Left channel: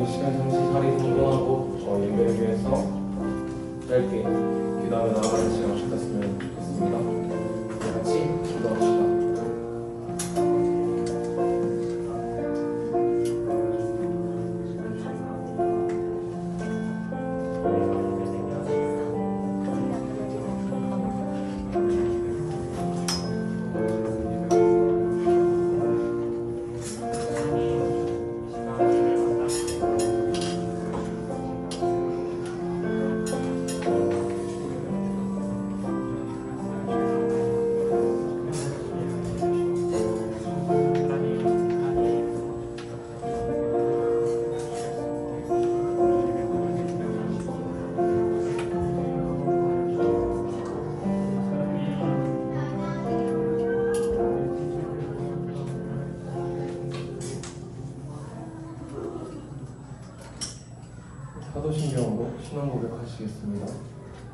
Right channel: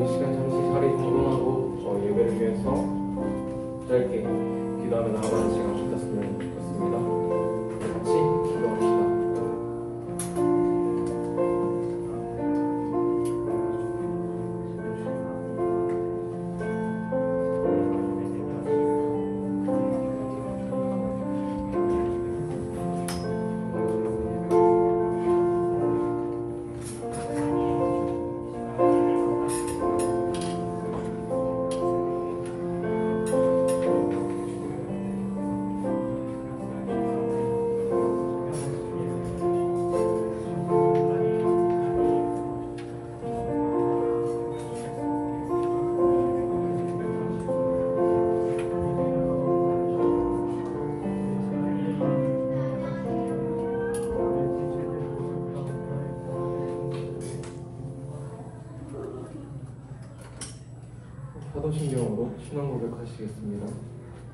이 시간 잠시 자리 정돈하고 예배를 위해서 짧게 기도하며 나아가는 시간 가졌으면 좋겠습니다. 우리 같이 기도합시다. 사도신경으로 신앙 고백하시겠습니다.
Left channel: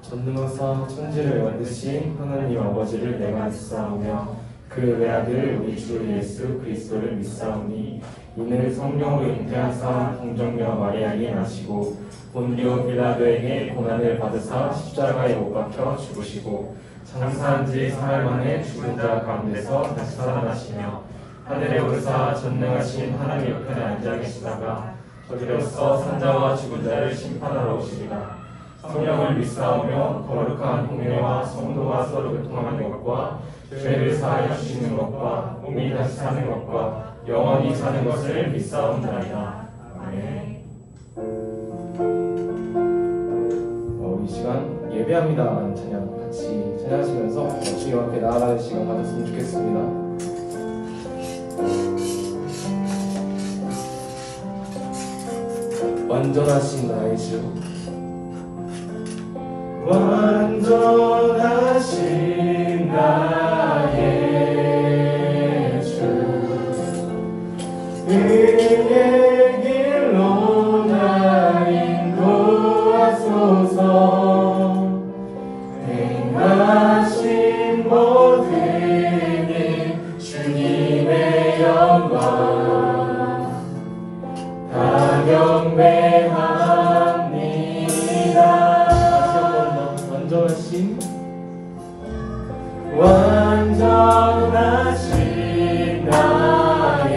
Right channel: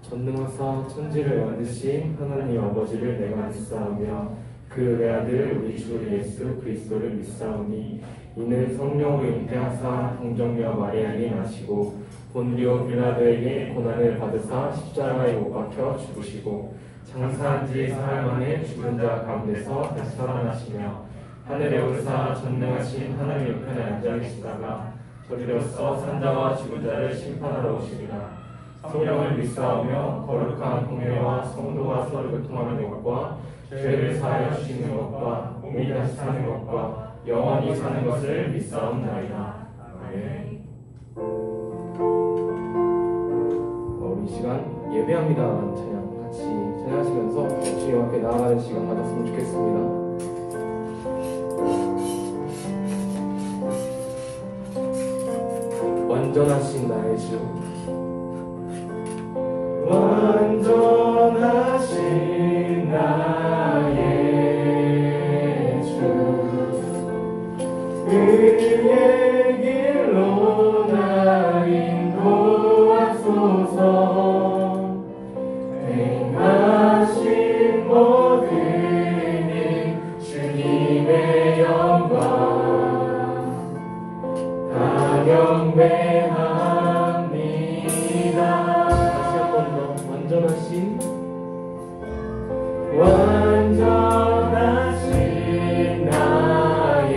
전능하사 천지를 만드신 하나님 아버지를 내가 믿사오며 그 외아들 우리 주 예수 그리스도를 믿사오니 이는 성령으로 잉태하사 동정녀 마리아에게 나시고 본디오 빌라도에게 고난을 받으사 십자가에 못 박혀 죽으시고 장사한 지 사흘 만에 죽은 자 가운데서 다시 살아나시며 하늘에 오르사 전능하신 하나님 옆에 앉아 계시다가 저리로서 산자와 죽은 자를 심판하러 오시리라. 성령을 믿사오며 거룩한 공예와 성도와 서로 교통하는 것과 죄를 사하여 주시는 것과 몸이 다시 사는 것과 영원히 사는 것을 믿사옵나이다. 아멘. 이 시간 예배합니다 찬양 같이 찬양하시면서 주님 앞에 나아가는 시간 가졌으면 좋겠습니다. 완전하신 나의 주 완전하신 나의 주 그의 길로 나 인도하소서 행하신 모든 일 주님의 영광 다 경배합니다. 다시 한 번 더 완전하신 나의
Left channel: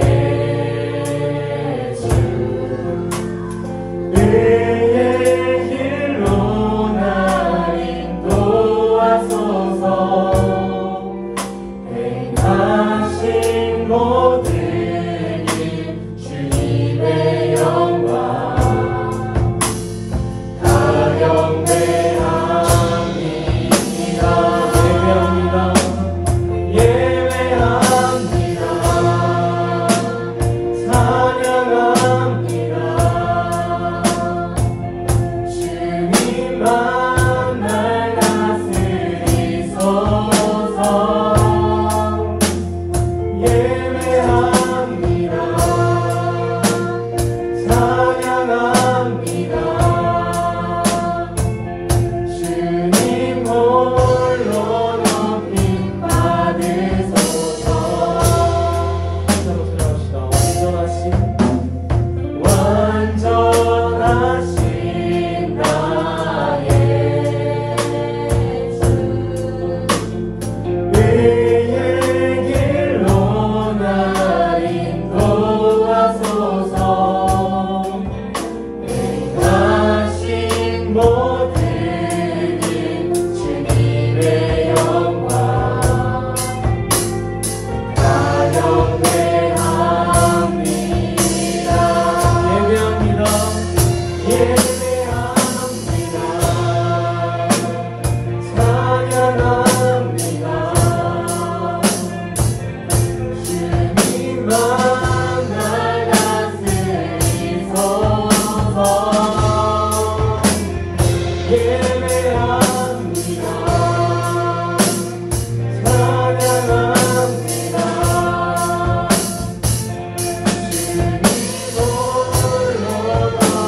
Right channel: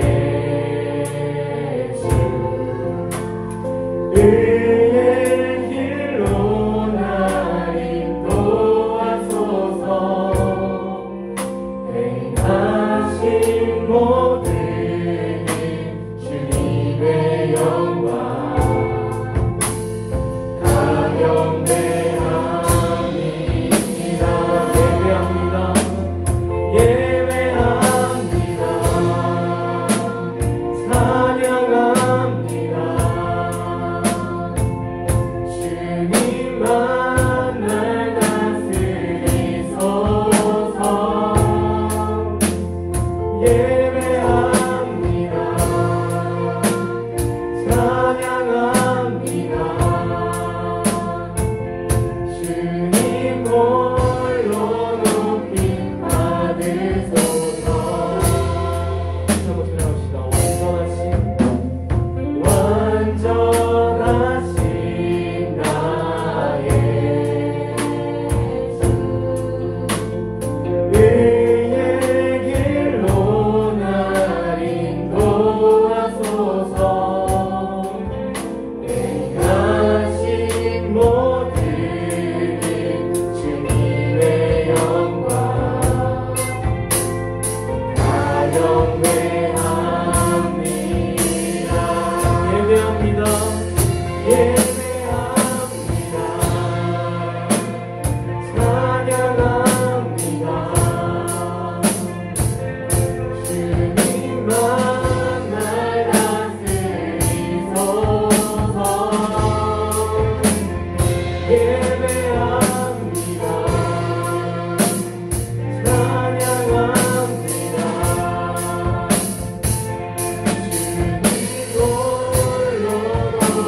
주 그의 길로 나 인도하소서 행하신 모든 일 주님의 영광 다 경배합니다. 예배합니다. 찬양합니다. 주님만 날 다스리소서. 예배합니다. 찬양합니다. 주님 홀로 높임 받으소서. 완전하신 나의 주 그의 길로 나 인도하소서 행하신 모든 일 주님의 영광 다 경배합니다. 예배합니다. 예배합니다. 찬양합니다. 주님만 날 다스리소서. 예배합니다. 찬양합니다. 주님 홀로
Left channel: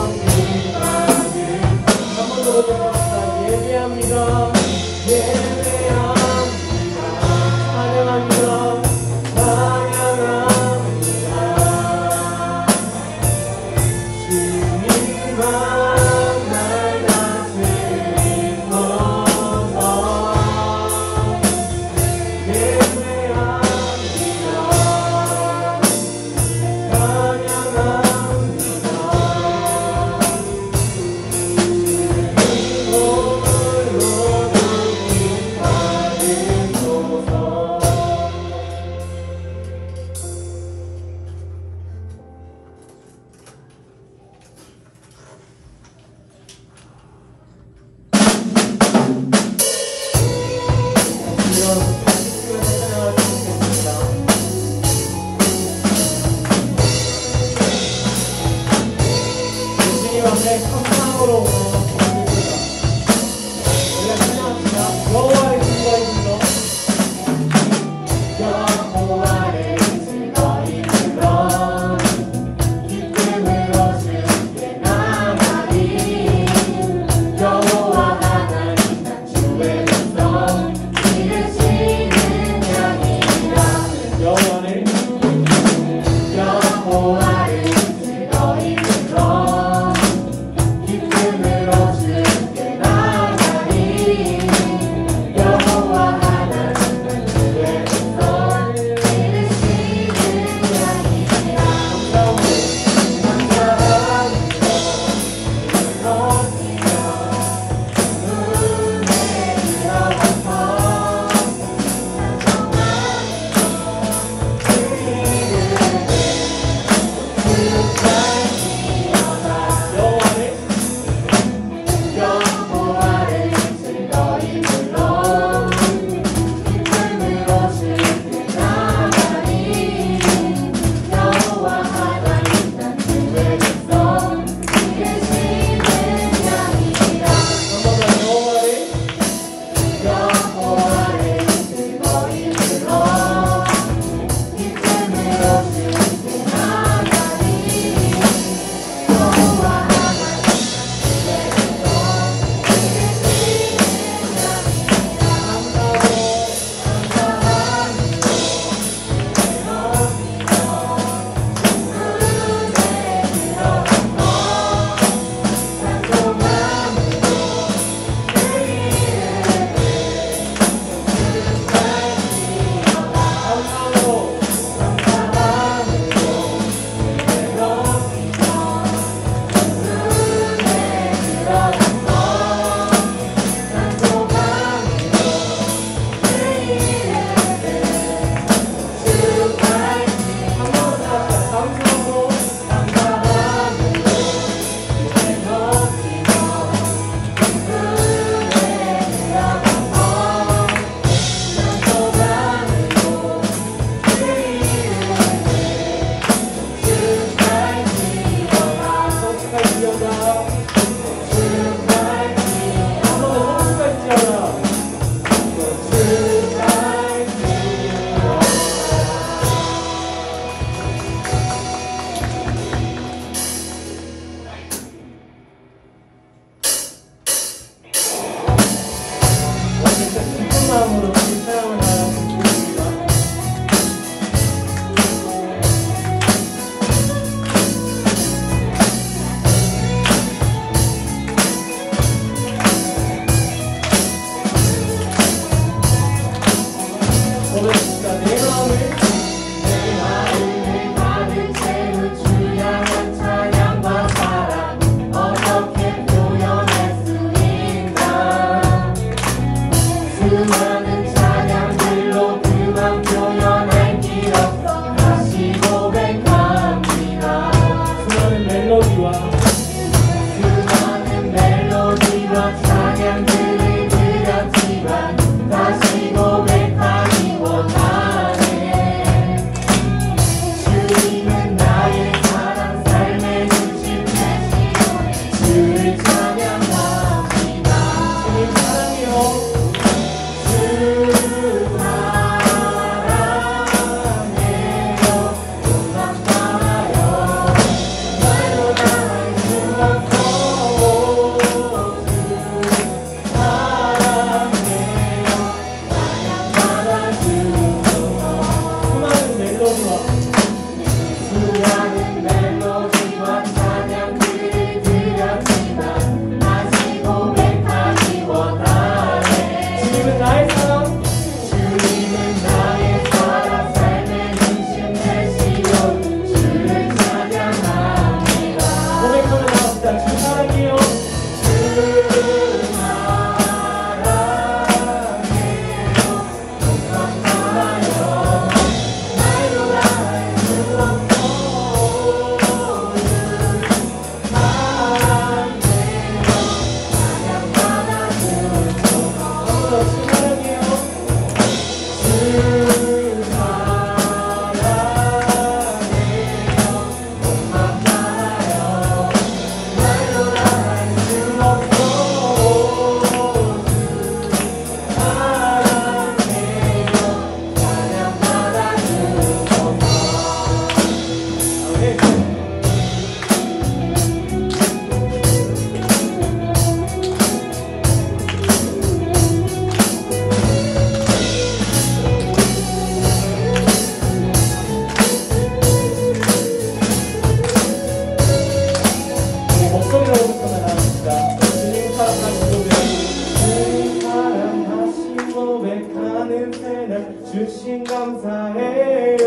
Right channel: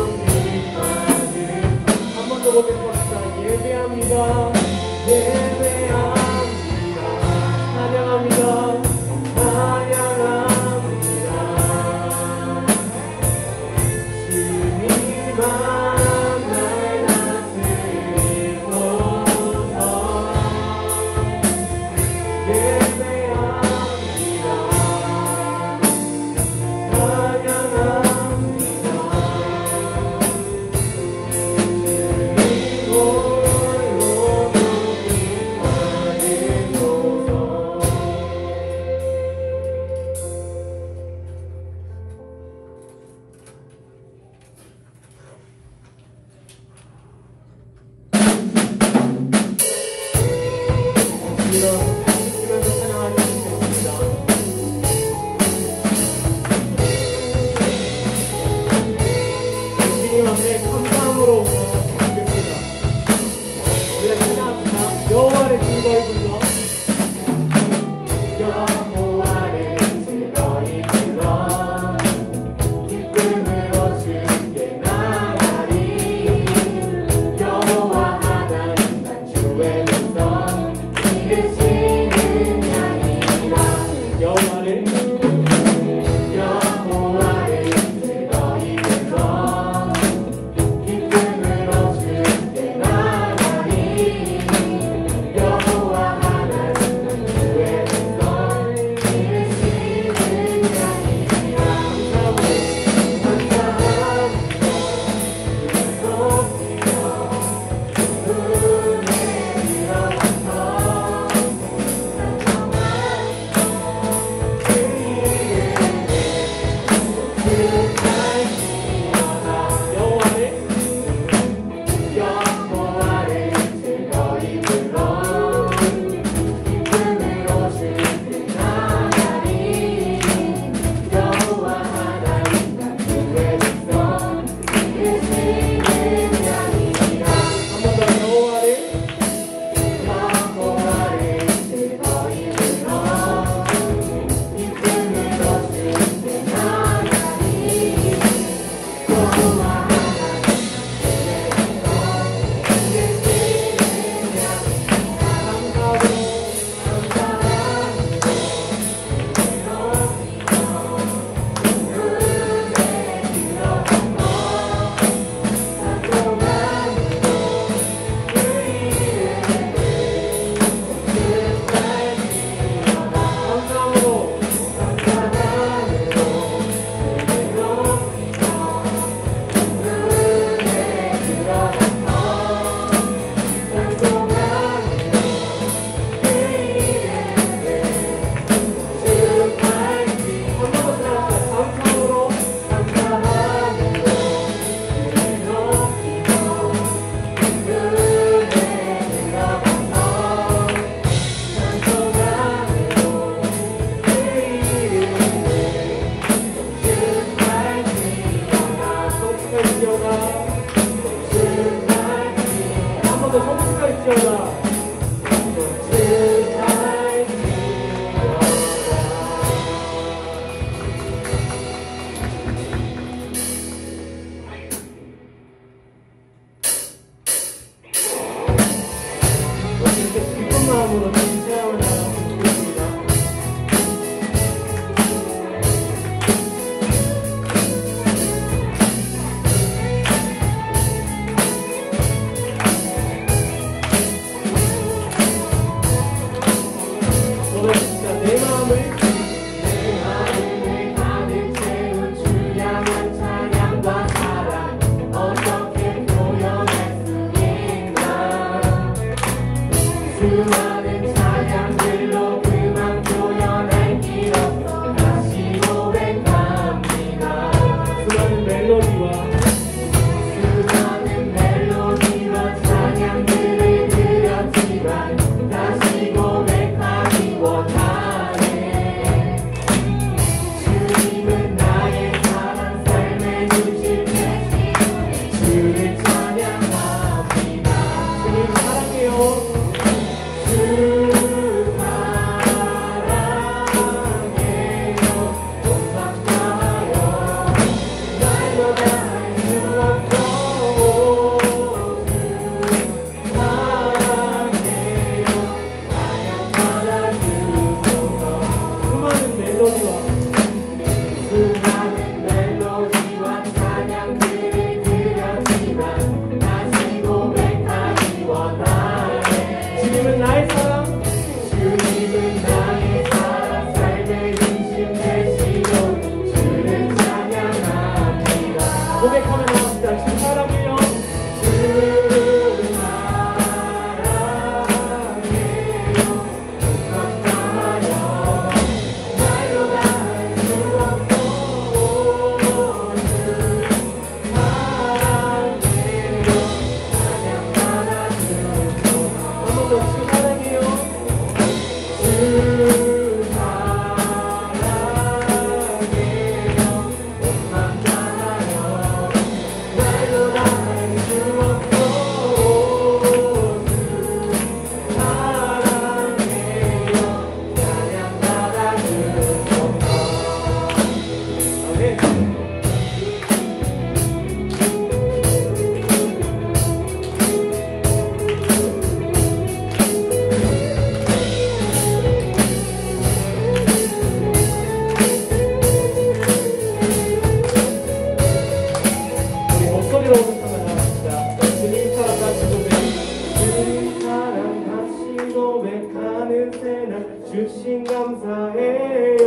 주신 감사해요.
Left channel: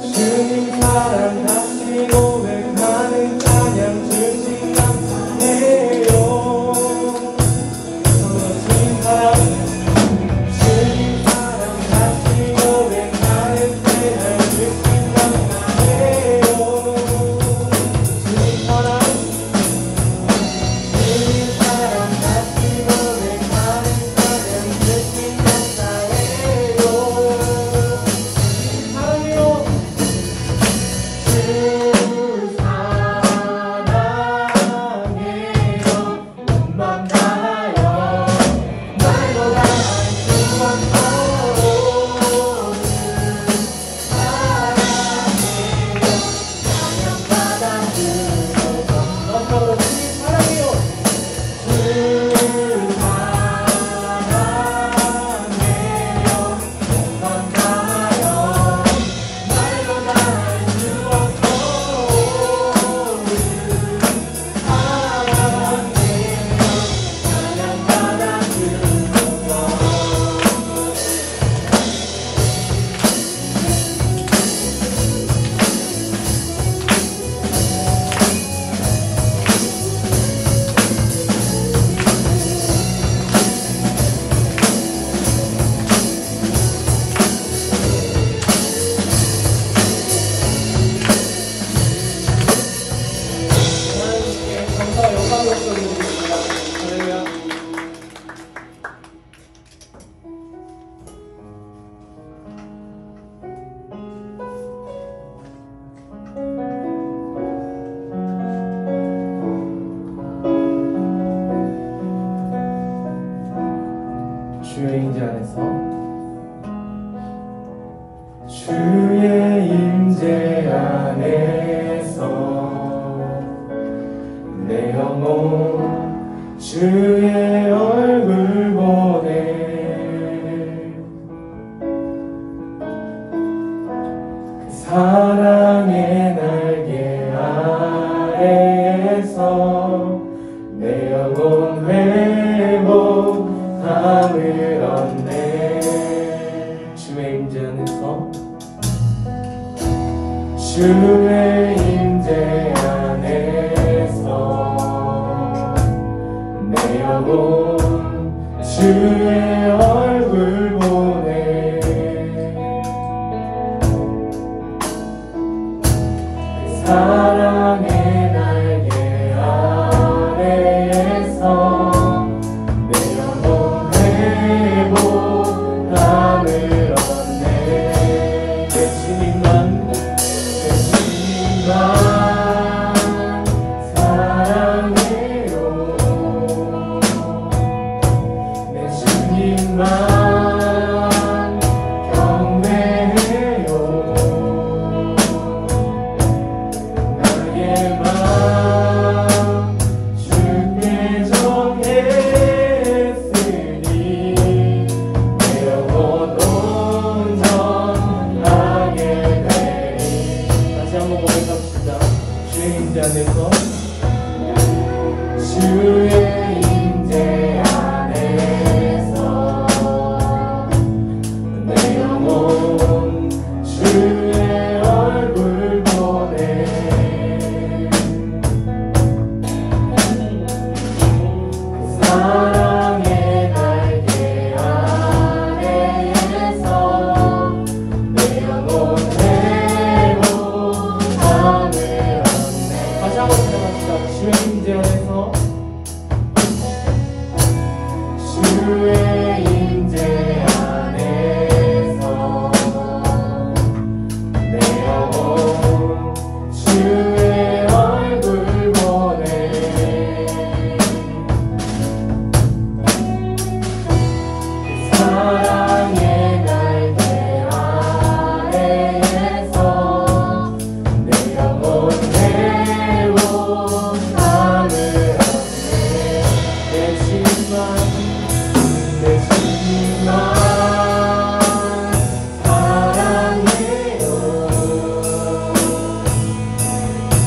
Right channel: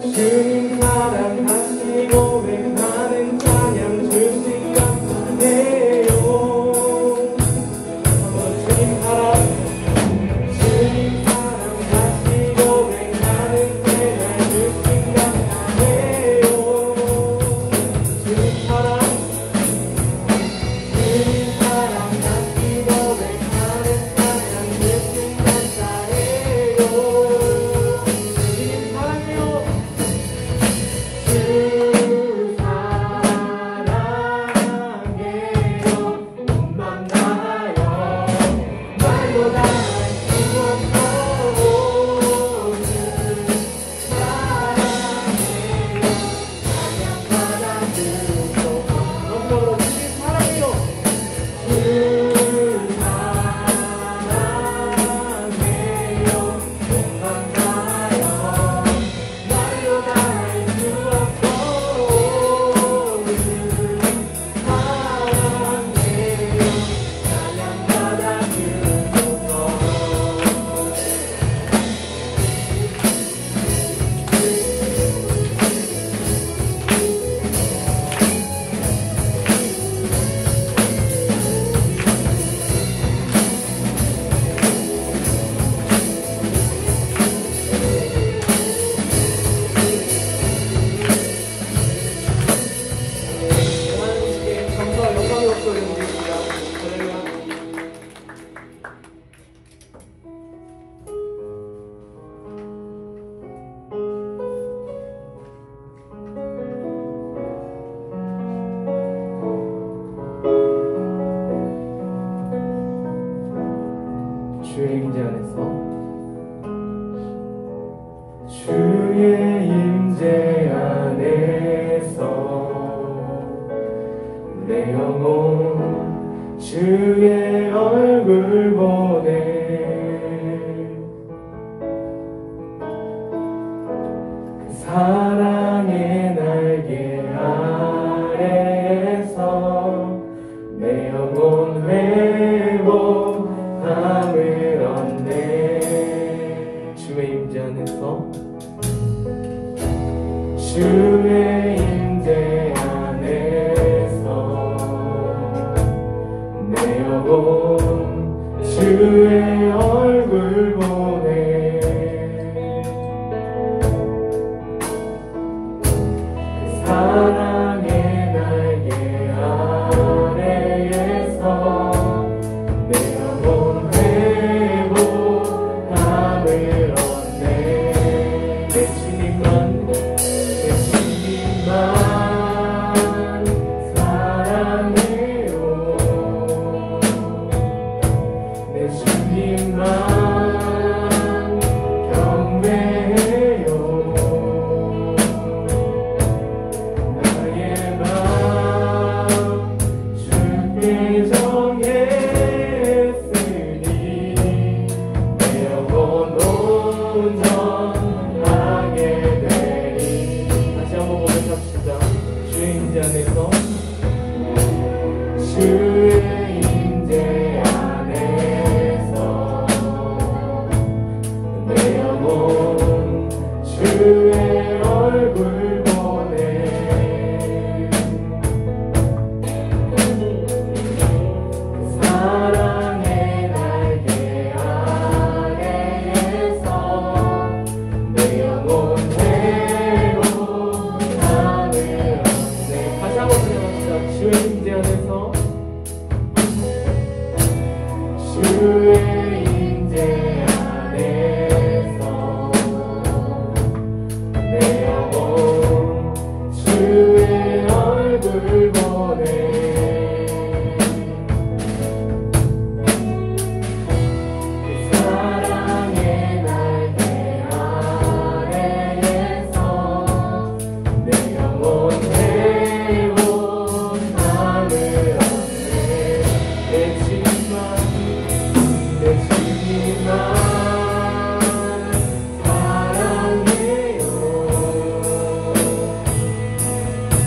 주님 사랑하시고 외하는 찬양 주신 감사해요. 주님 사랑하시고 외하는 주의 임재 안에서 내 영혼 주의 얼굴 보네. 그 사랑의 날개 아래에서 내 영혼 회복함을 얻네. 주의 임재 안에서 주의 임재 안에서 내 영혼 주의 얼굴 보네. 그 사랑의 날개 아래에서 내 영혼 회복함을 얻네. 내 주님만 사랑해요. 내 주님만 경배해요. 나의 맘 주께 정했으니 내 영혼 온전하게 되리. 다시 한번 고백합시다. 주의 임재 안에서 주의 임재 안에서 내 영혼 주의 얼굴 보네. 사랑의 날개 아래에서 내 영혼 회복함을 얻네. 다시 한번 생각합시다. 주의 임재 안에서 주의 임재 안에서 내 영혼 주의 얼굴 보네. 사랑의 날개 아래에서 내 영혼 회복함을 얻네. 내 주님만 사랑해요.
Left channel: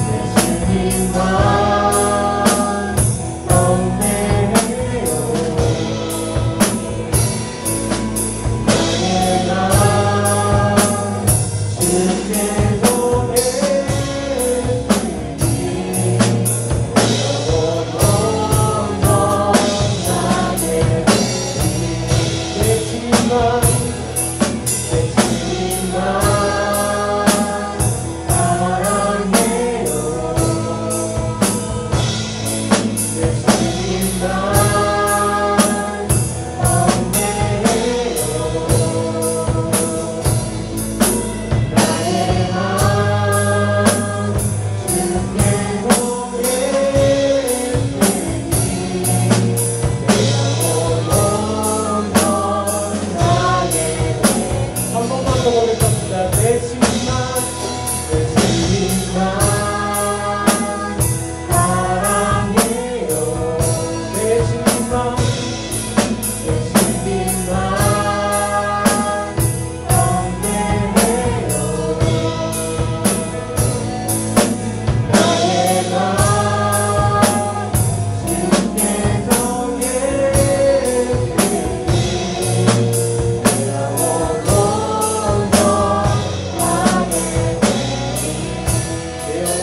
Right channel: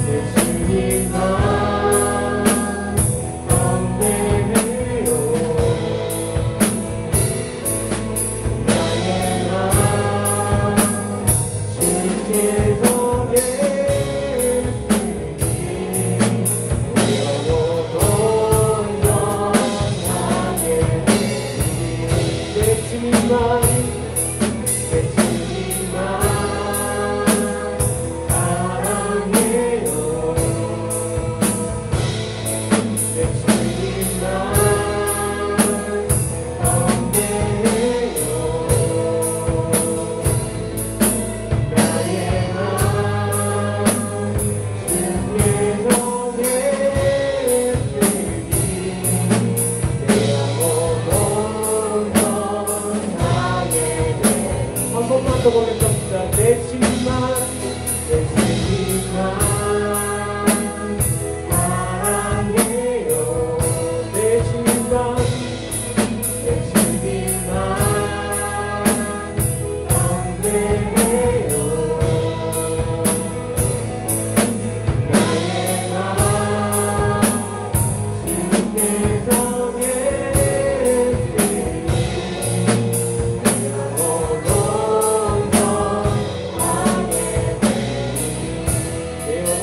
내 주님만 경배해요. 나의 맘 주께 정했으니 영혼 온전하게 내 주님만 사랑해요. 내 주님만 경배해요. 나의 맘 주께 정했으니 내 영혼 온전하게 한 번만 더 보겠습니다. 내 주님만 사랑해요. 내 주님만 경배해요. 나의 맘 주께 정했으니 내 영혼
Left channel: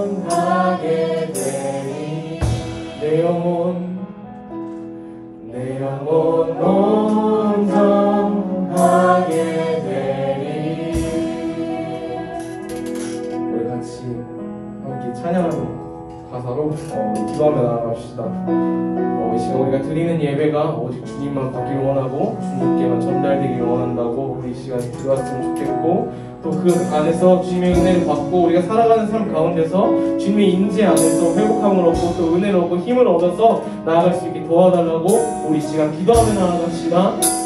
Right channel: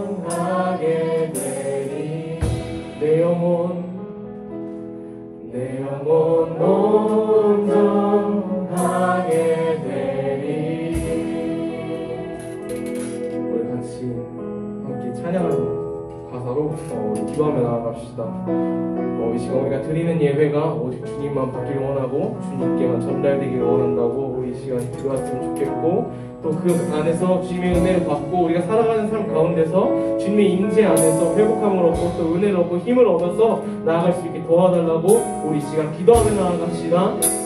온전하게 내 영혼 온전하게 되리. 내 영혼 온전하게 되리. 우리 같이 함께 찬양하는 가사로 기도하며 나아갑시다. 이 시간 시간 우리가 드리는 예배가 오직 주님만 받기를 원하고 주님께만 전달되기를 원한다고 우리 시간 기도했으면 좋겠고, 또 그 안에서 주님의 은혜를 받고 우리가 살아가는 삶 가운데서 주님의 임재 안에서 회복함을 얻고 또 은혜를 얻고 힘을 얻어서 나아갈 수 있게 도와달라고 우리 시간 기도하며 나아갑시다.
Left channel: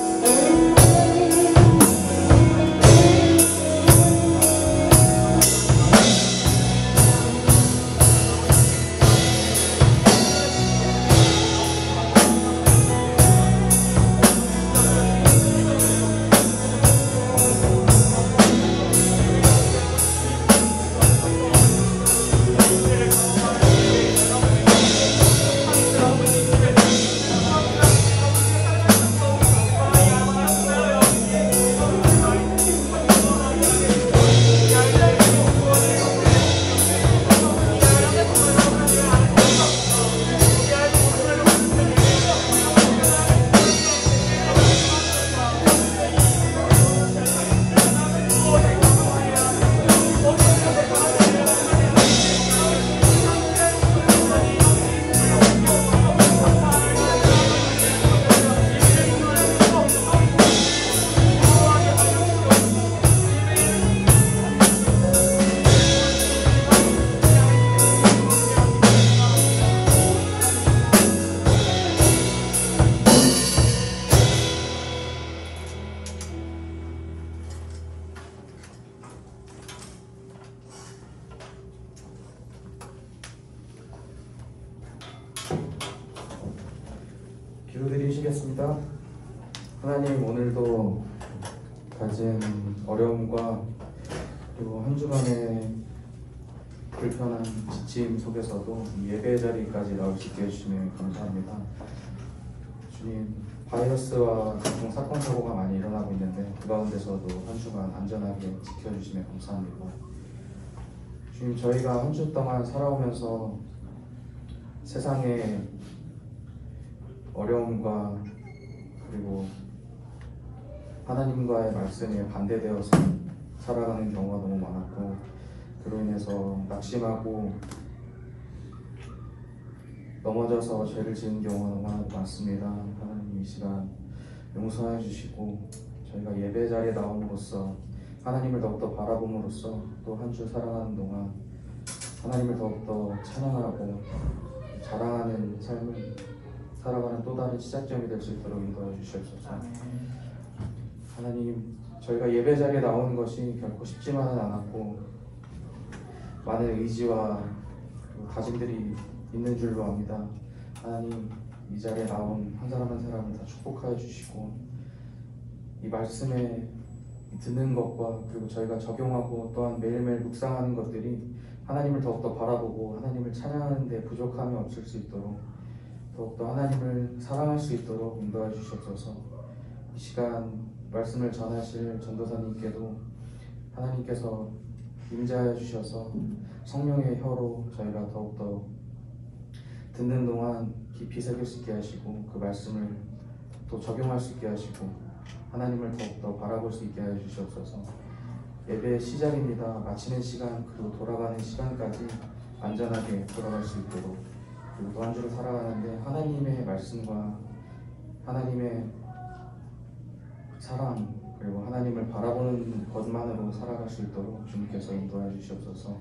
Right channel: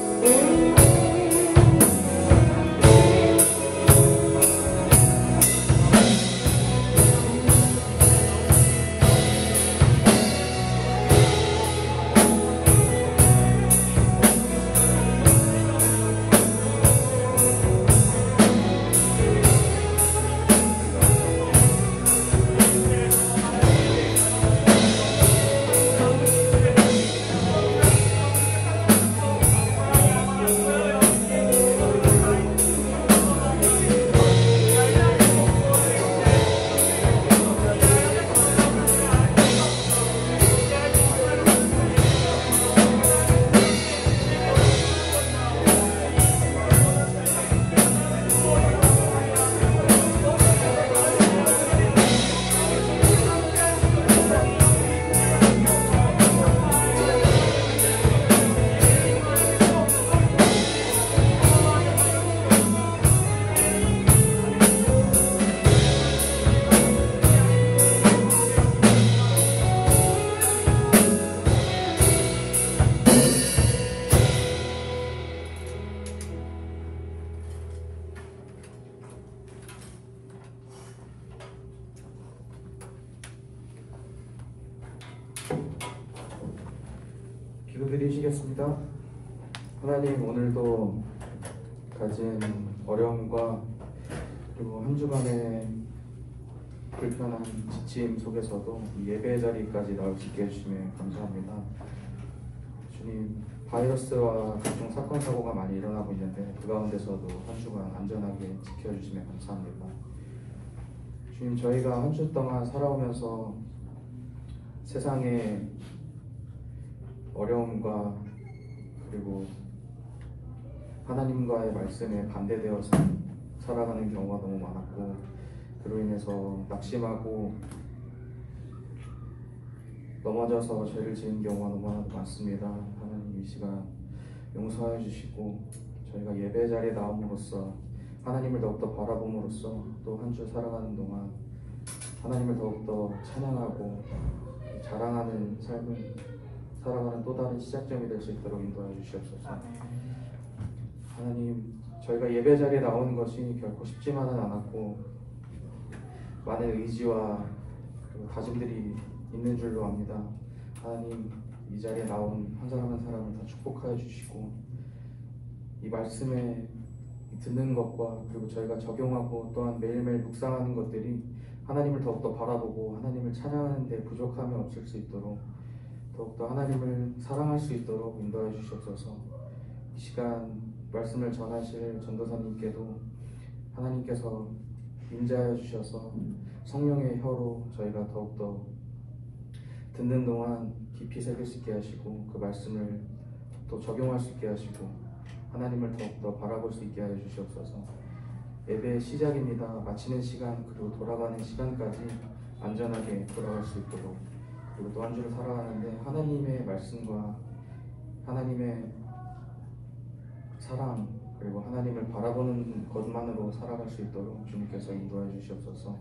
기도드리시겠습니다. 하나님, 오늘도 가진 어려움과 그리고 한 주간의 불편한 지침 속에서도 이 예배 자리까지 나올 수 있게 해주시면 감사합니다. 주님, 바이러스와 각종 사건 사고가 많이 일어나고 있는데 그 가운데서도 한 주간 안전하게 지켜주시면 감사합니다. 주님, 저희가 한 주 동안 살아오면서 세상에 어려움과 그리고 하나님과의 말씀에 반대되어서 살아가는 경우가 너무 많았고, 그로 인해서 낙심하고 넘어져서 죄를 지은 경우가 너무 많습니다. 하나님, 이 시간 용서해 주시고 저희가 예배 자리에 나옴으로써 하나님을 더욱더 바라봄으로써 또 한 주 살아가는 동안 하나님을 더욱더 찬양하고 자랑하는 삶을 살아가는 또 다른 시작점이 될 수 있도록 인도해 주시옵소서. 하나님, 저희가 예배 자리에 나오는 것이 결코 쉽지만은 않았고 많은 의지와 다짐들이 있는 줄로 압니다. 하나님, 이 자리에 나온 한 사람 한 사람을 다 축복하여 주시고 이 말씀에 듣는 것과 그리고 저희가 적용하고 또한 매일매일 묵상하는 것들이 하나님을 더욱더 바라보고 하나님을 찬양하는 데 부족함이 없을 수 있도록 더욱더 하나님을 사랑할 수 있도록 인도해 주시옵소서. 이 시간 말씀을 전하실 전도사님께도 하나님께서 임재하여 주셔서 성령의 혀로 저희가 더욱더 듣는 동안 깊이 새길 수 있게 하시고 그 말씀을 또 적용할 수 있게 하시고 하나님을 더욱더 바라볼 수 있게 하여 주시옵소서. 예배의 시작입니다. 마치는 시간 그리고 돌아가는 시간까지 안전하게 돌아갈 수 있도록, 그리고 또 한 주를 살아가는데 하나님의 말씀과 하나님의 사랑 그리고 하나님을 바라보는 것만으로 살아갈 수 있도록 주님께서 인도해 주시옵소서.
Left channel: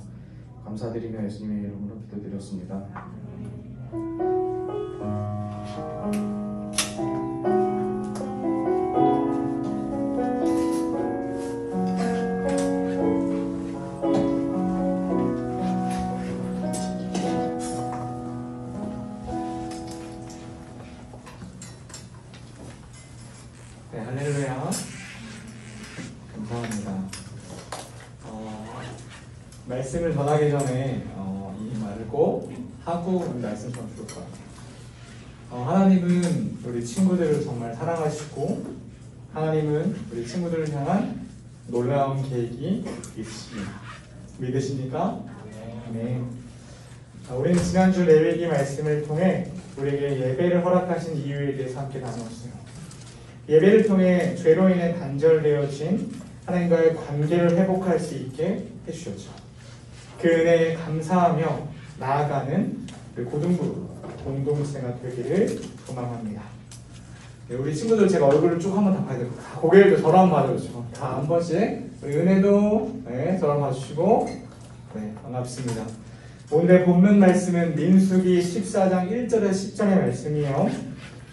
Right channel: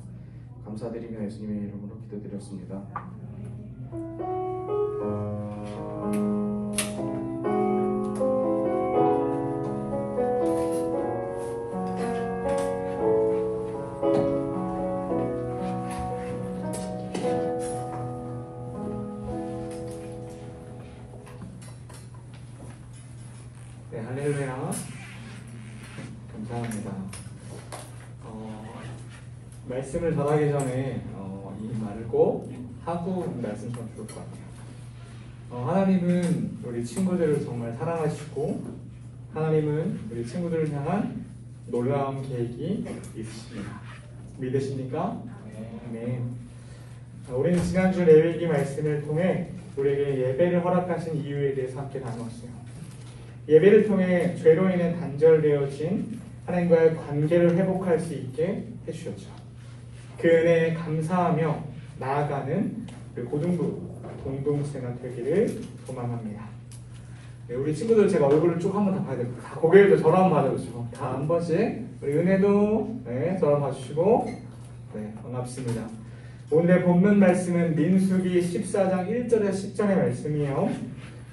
감사드리며 예수님의 이름으로 기도드렸습니다. 네, 할렐루야. 감사합니다. 말씀을 전하기 전에 이 말을 꼭 하고 말씀 좀 들을 것 같아요. 하나님은 우리 친구들을 정말 사랑하시고 하나님은 우리 친구들을 향한 놀라운 계획이 있으십니다. 믿으십니까? 네. 우리는 지난주 레위기 말씀을 통해 우리에게 예배를 허락하신 이유에 대해서 함께 나눴어요. 예배를 통해 죄로 인해 단절되어진 하나님과의 관계를 회복할 수 있게 해주셨죠. 그 은혜에 감사하며 나아가는 고등부 공동체가 되기를 소망합니다. 네, 우리 친구들 제가 얼굴을 쭉 한번 다 봐야 돼요. 다 고개를 저랑 봐주시고 다 한 번씩 우리 은혜도 네, 저랑 봐주시고 네, 반갑습니다. 오늘의 본문 말씀은 민수기 14장 1절에 10절의 말씀이에요.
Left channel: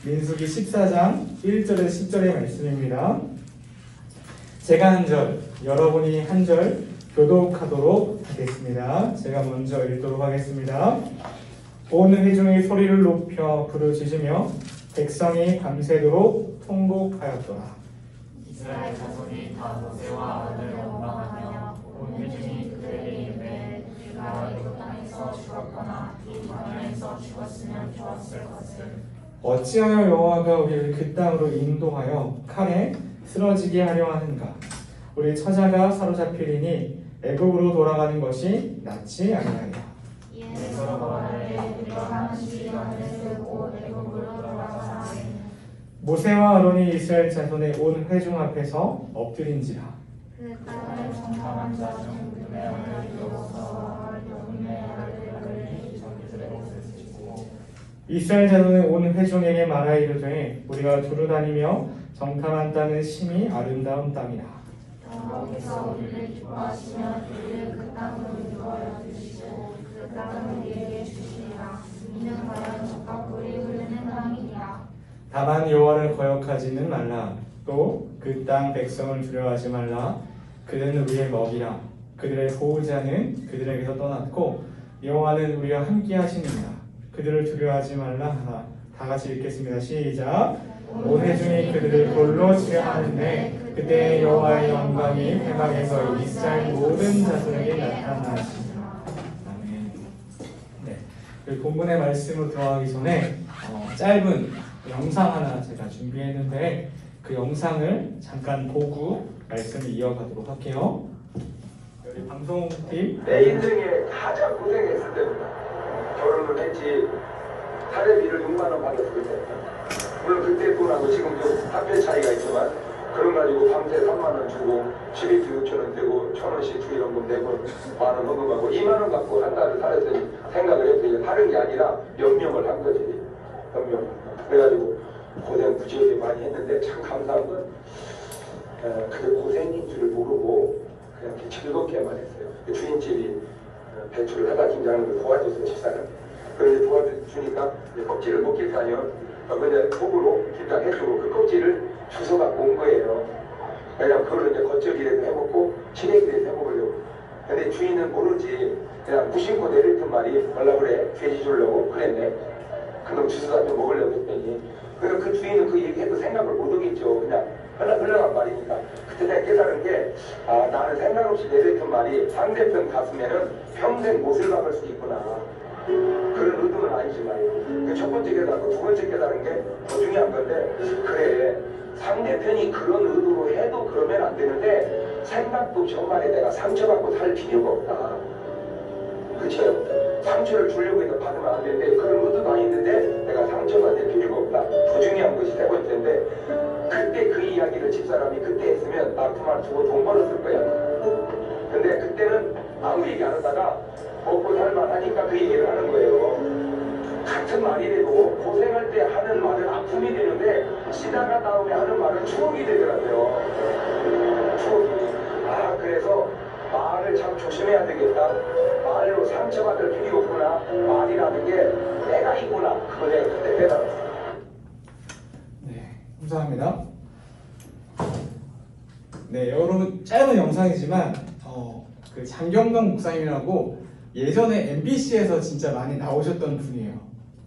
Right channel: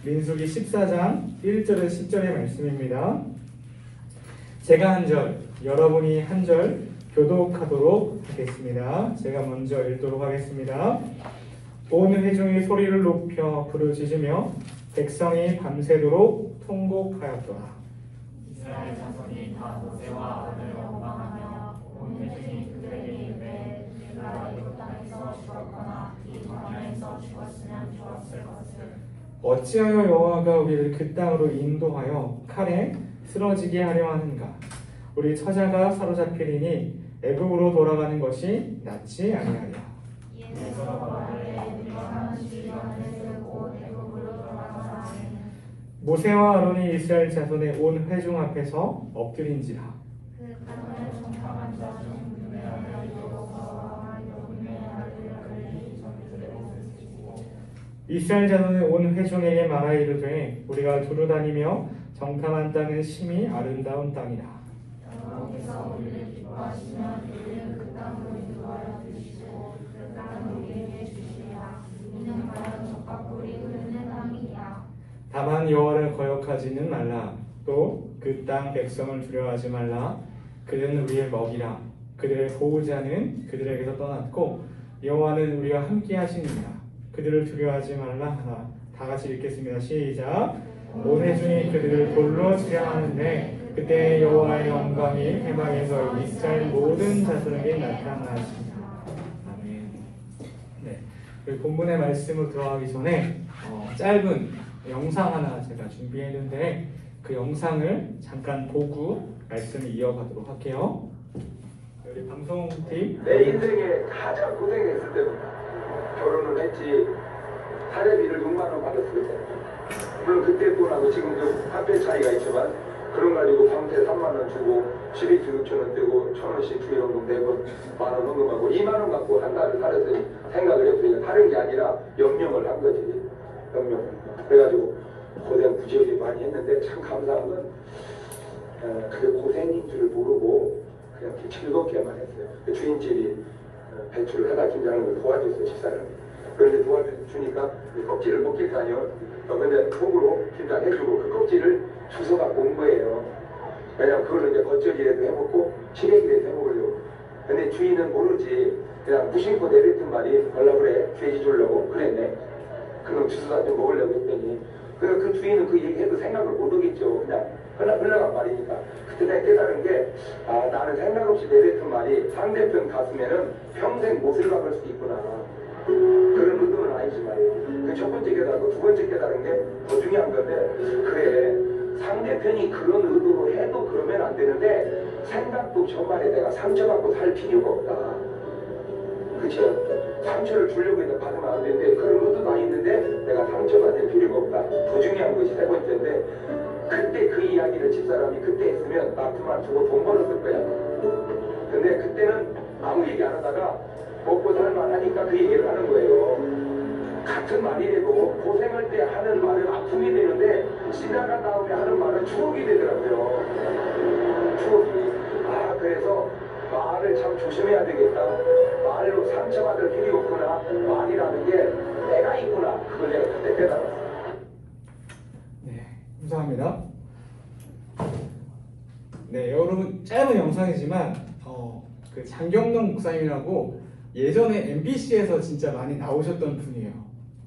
민수기 14장 1절에 10절의 말씀입니다. 제가 한 절, 여러분이 한 절 교독하도록 하겠습니다. 제가 먼저 읽도록 하겠습니다. 온 회중이 소리를 높여 부르짖으며 백성이 밤새도록 통곡하였더라. 이스라엘 자손이 다 모세와 아론을 원망하며 온 회중이 그들에게 이르되 우리가 애굽 땅에서 죽었거나 이 광야에서 죽었으면 좋았을 것을 어찌하여 여호와가 우리를 그 땅으로 인도하여 칼에 쓰러지게 하려 하는가? 우리 처자가 사로잡히리니 애굽으로 돌아가는 것이 낫지 아니하냐. 예수께서 말하되 우리가 하는 주의관을 세우고 애굽으로 돌아가자. 모세와 아론이 이스라엘 자손의 온 회중 앞에서 엎드린지라. 그 땅을 정탐한 자중 그의 아들 여호수아와 그의 아들 이스라엘 자손의 온 회중에게 말하 이르되 우리가 두루 다니며 정탐한 땅은 심히 아름다운 땅이라. 여호와께서 우리를 기뻐하시면 우리를 그 땅으로 인도하여 주시고 그 땅을 우리에게 주시리라. 이는 과연 젖과 꿀이 흐르는 땅이라. 다만 여호와를 거역하지는 말라. 또 그 땅 백성을 두려워하지 말라. 그들은 우리의 먹이라. 그들의 보호자는 그들에게서 떠났고 여호와는 우리와 함께 하시느니라. 그들을 두려워하지 말라 하라. 다 같이 읽겠습니다. 시작. 온 회중이 그들을 돌로 치려 하는데 그때 여호와의 영광이 회막에서 이스라엘 모든 자손에게 나타나시니라. 아멘. 네, 그 본문의 말씀으로 들어가기 전에 짧은 영상 하나 제가 준비했는데 그 영상을 잠깐 보고 말씀을 이어가도록 할게요. 우리 방송팀 내 인생에 가장 고생했을 때입니다. 결혼을 했지 사례비를 6만 원 받았을 때 물론 그때 돈하고 지금도 학교 차이가 있지만 그런 가지고 밤새 3만 원 주고 집이도 6천 원 떼고 1,000원씩 주의연금 내고 만 원 헌금하고 2만 원 갖고 한 달을 살았을 생각을 했더니 다른 게 아니라 연명을 한 거지. 연명. 그래가지고 고생 부지하게 많이 했는데 참 감사한 건 그게 고생인 줄 모르고 그냥 즐겁게만 했어요. 그 주인집이 배추를 하다 김장을 도와줬어요. 집사람이. 그런데 도와주니까 껍질을 먹길 가요. 그냥 속으로 김장해주고 그 껍질을 주워 갖고 온 거예요. 그냥 그걸 이제 겉절이라도 해먹고 치레기라도 해먹으려고. 근데 주인은 모르지. 그냥 무심코 내뱉은 말이 뭐라 그래? 돼지 주려고 그랬네. 그럼 주워 갖고 먹으려고 했더니 그 주인은 그 얘기해도 생각을 못 하겠죠. 그냥 흘러간 말이니까. 그때 내가 깨달은 게 나는 생각 없이 내뱉은 말이 상대편 가슴에는 평생 못을 박을 수도 있구나. 그런 의도는 아니지만 첫 번째 깨달고 두 번째 깨달은 게 더 중요한 건데 그래 상대편이 그런 의도로 해도 그러면 안 되는데 생각도 저 말에 내가 상처받고 살 필요가 없다. 그쵸? 상처를 주려고 해서 받으면 안 되는데 그런 의도도 아닌데 내가 상처받을 필요가 없다. 더 중요한 것이 세 번째인데 그때 그 이야기를 집사람이 그때 했으면 나 그만 두고 돈 벌었을 거야. 근데 그때는 아무 얘기 안 하다가 먹고 살만 하니까 그 얘기를 하는 거예요. 같은 말이라도 고생할 때 하는 말은 아픔이 되는데 지나간 다음에 하는 말은 추억이 되더라고요. 추억이. 그래서 말을 참 조심해야 되겠다. 말로 상처받을 필요 없구나. 말이라는 게 내가 있구나. 그걸 내가 그때 깨달았어. 네, 감사합니다. 네, 여러분 짧은 영상이지만 그 장경동 목사님이라고 예전에 MBC에서 진짜 많이 나오셨던 분이에요.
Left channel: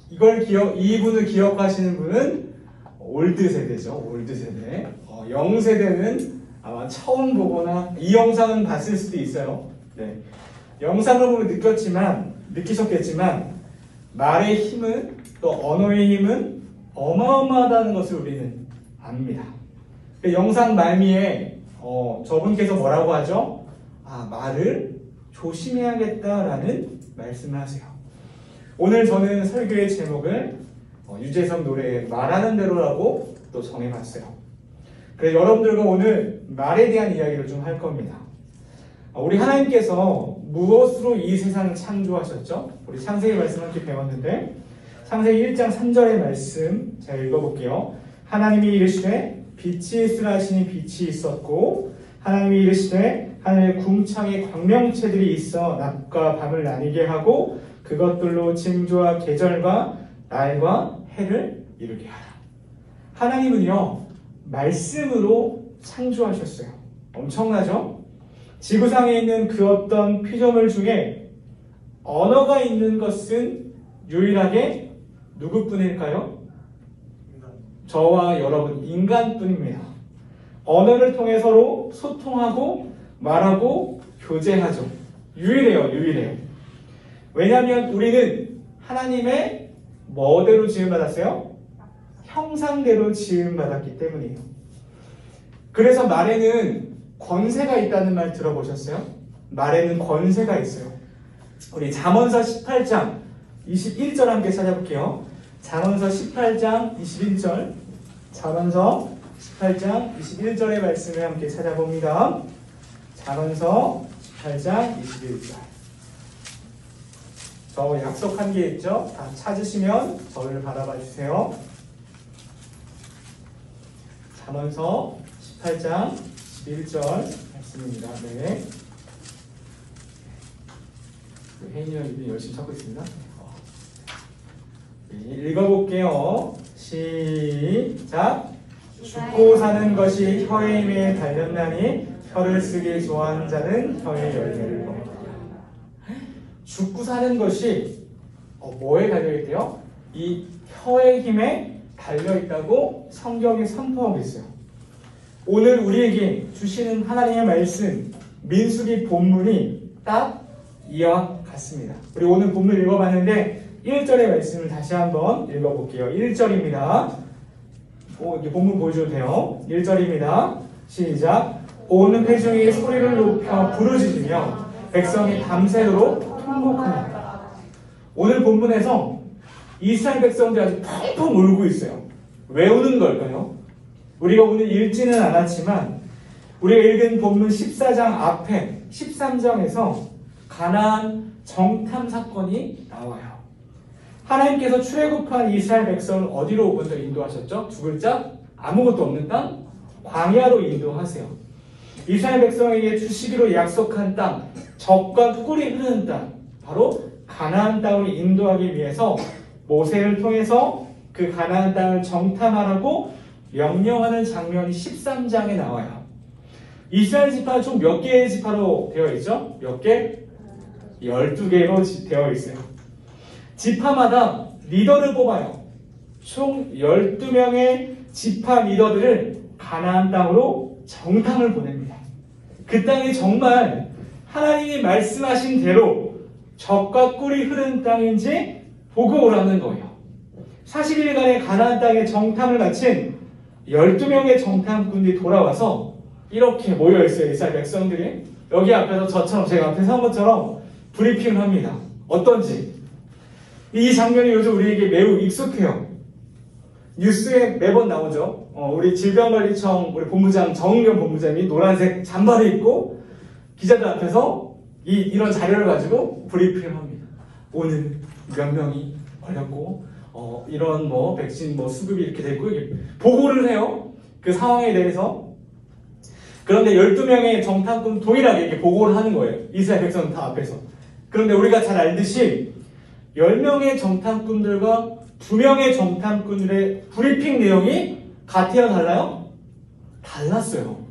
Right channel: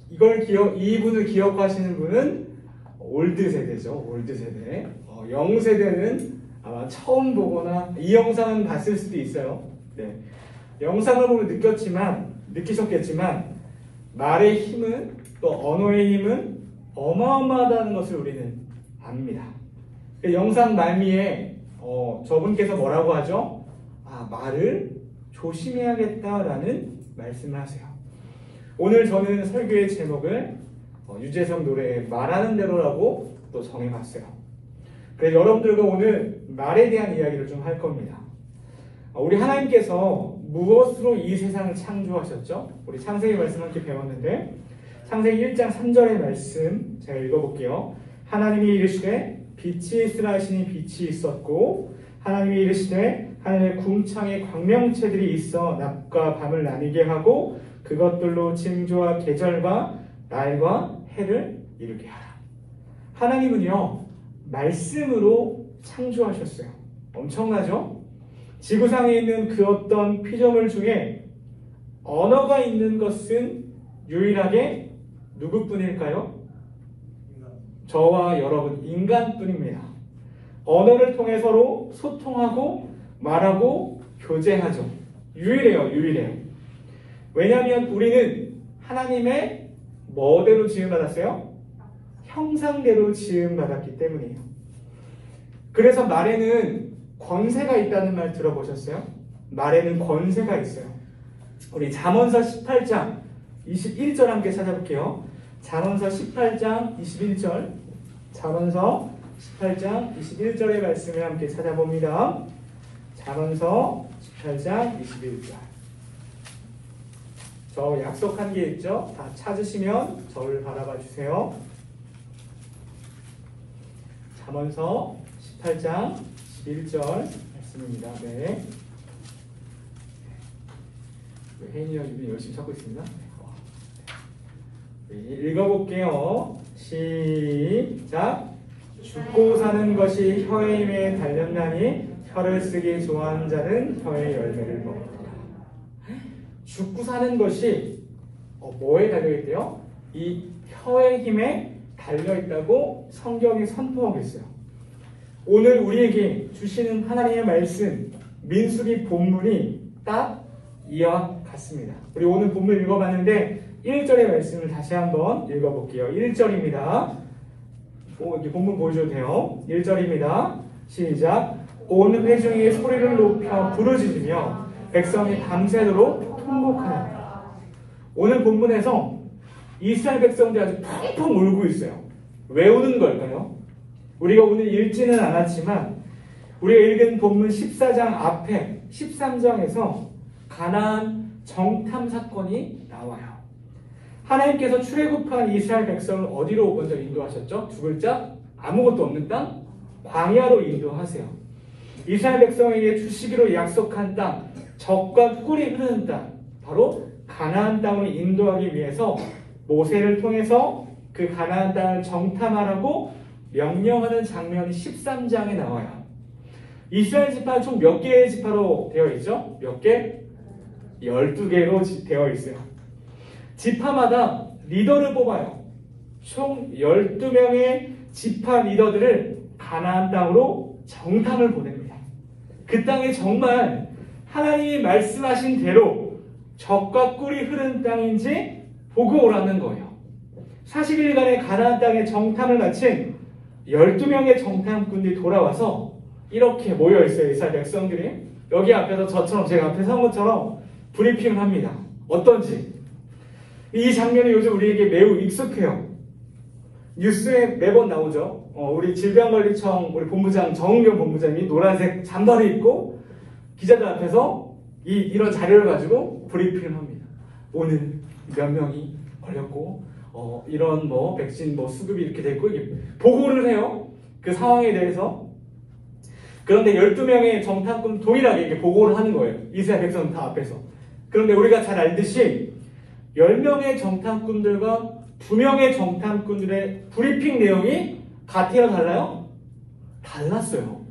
이분을 기억하시는 분은 올드 세대죠. 올드 세대. 영 세대는 아마 처음 보거나 이 영상은 봤을 수도 있어요. 네. 영상을 보면 느끼셨겠지만 말의 힘은 또 언어의 힘은 어마어마하다는 것을 우리는 압니다. 그 영상 말미에 저분께서 뭐라고 하죠? 말을 조심해야겠다라는 말씀을 하세요. 오늘 저는 설교의 제목을 유재석 노래의 말하는 대로라고 또 정해봤어요. 그래서 여러분들과 오늘 말에 대한 이야기를 좀 할 겁니다. 우리 하나님께서 무엇으로 이 세상을 창조하셨죠? 우리 창세기 말씀 함께 배웠는데 창세기 1장 3절의 말씀 제가 읽어볼게요. 하나님이 이르시되 빛이 있으라 하시니 빛이 있었고 하나님이 이르시되 하늘에 궁창에 광명체들이 있어 낮과 밤을 나뉘게 하고 그것들로 징조와 계절과 날과 해를 이루게 하라. 하나님은요 말씀으로 창조하셨어요. 엄청나죠? 지구상에 있는 그 어떤 피조물 중에 언어가 있는 것은 유일하게 누구뿐일까요? 저와 여러분 인간뿐입니다. 언어를 통해 서로 소통하고 말하고 교제하죠. 유일해요. 왜냐하면 우리는 하나님의 뭐대로 지음받았어요? 형상대로 지음받았기 때문이에요. 그래서 말에는 권세가 있다는 말 들어보셨어요? 말에는 권세가 있어요. 우리 잠언서 18장 21절 함께 찾아볼게요. 잠언서 18장 21절, 잠언서 18장 21절의 말씀을 함께 찾아봅니다. 잠언서 18장 21절. 저 약속한 게 있죠? 다 찾으시면 저를 바라봐 주세요. 잠언서 18장 21절 말씀입니다. 네. 혜인이 형님이 열심히 찾고 있습니다. 읽어볼게요. 시작. 죽고 사는 것이 혀의 힘에 달렸나니 혀를 쓰기 좋아하는 자는 혀의 열매를 먹으리라. 죽고 사는 것이 뭐에 달려있대요? 이 혀의 힘에 달려있다고 성경이 선포하고 있어요. 오늘 우리에게 주시는 하나님의 말씀 민수기 본문이 딱 이와 같습니다. 우리 오늘 본문 읽어봤는데 1절의 말씀을 다시 한번 읽어볼게요. 1절입니다. 본문 보여줘도 돼요. 1절입니다. 시작. 온 회중이 소리를 높여 부르짖으며 백성이 밤새도록 통곡합니다. 오늘 본문에서 이스라엘 백성들이 아주 펑펑 울고 있어요. 왜 우는 걸까요? 우리가 오늘 읽지는 않았지만 우리가 읽은 본문 14장 앞에 13장에서 가나안 정탐 사건이 나와요. 하나님께서 출애굽한 이스라엘 백성을 어디로 먼저 인도하셨죠? 두 글자 아무것도 없는 땅 광야로 인도하세요. 이스라엘 백성에게 주시기로 약속한 땅 젖과 꿀이 흐르는 땅 바로 가나안 땅으로 인도하기 위해서 모세를 통해서 그 가나안 땅을 정탐하라고 명령하는 장면이 13장에 나와요. 이스라엘 지파는 총 몇 개의 지파로 되어 있죠? 몇 개? 12개로 되어 있어요. 지파마다 리더를 뽑아요. 총 12명의 지파 리더들을 가나안 땅으로 정탐을 보냅니다. 그 땅이 정말 하나님이 말씀하신 대로 젖과 꿀이 흐르는 땅인지 보고 오라는 거예요. 40일간의 가나안 땅의 정탐을 마친 12명의 정탐꾼들이 돌아와서 이렇게 모여있어요. 이스라엘 백성들이 여기 앞에서 저처럼 제가 앞에서 한 것처럼 브리핑을 합니다. 어떤지. 이 장면이 요즘 우리에게 매우 익숙해요. 뉴스에 매번 나오죠. 우리 질병관리청 우리 본부장 정은경 본부장이 노란색 잠바를 입고 기자들 앞에서 이런 자료를 가지고 브리핑을 합니다. 오늘 몇 명이 걸렸고 이런 백신 수급이 이렇게 됐고 보고를 해요. 그 상황에 대해서. 그런데 12명의 정탐꾼 동일하게 이렇게 보고를 하는 거예요. 이스라엘 백성 다 앞에서. 그런데 우리가 잘 알듯이 10명의 정탐꾼들과 2명의 정탐꾼들의 브리핑 내용이 같아요? 달라요? 달랐어요.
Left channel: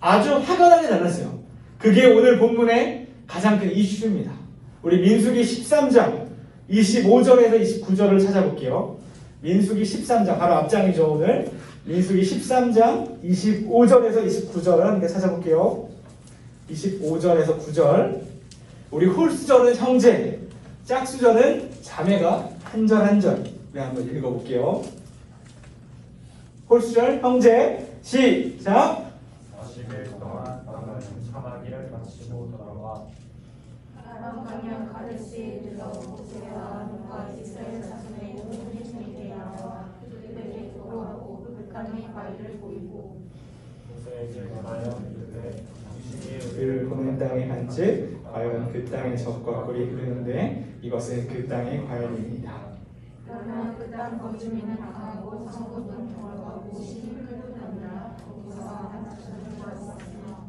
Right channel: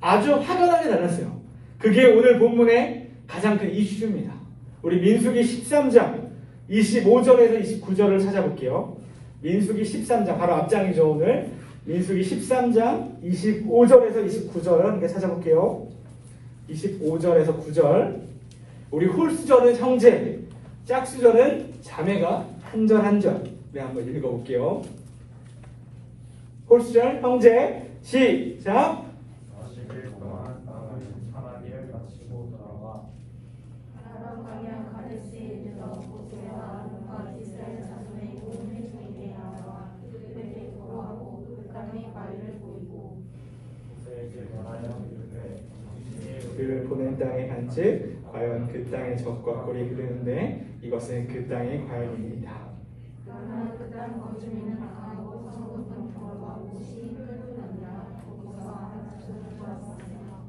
아주 확연하게 달랐어요. 그게 오늘 본문의 가장 큰 이슈입니다. 우리 민수기 13장 25절에서 29절을 찾아볼게요. 민수기 13장 바로 앞장이죠. 오늘 민수기 13장 25절에서 29절을 함께 찾아볼게요. 25절에서 9절. 우리 홀수절은 형제, 짝수절은 자매가 한 절 한 절. 네, 한번 읽어볼게요. 홀수절 형제 시작. 40일 동안 밤을 사마리를 마치고 돌아와 아람 방향 가데스에 이르러 모세와 아론과 이스라엘 자손의 온 회중에게 나와 그들에게 보고하고 그 땅의 과일을 보이고 모세에게 말하여 이르되 그 보는 땅에 간즉 과연 그 땅의 젖과 꿀이 흐르는데 이것은 그 땅의 과일입니다. 그러나 그 땅 거주민은 강하고 성읍은 돌아가고 시기 끌고 다니라. 거기서 아낙자손이 좋았으며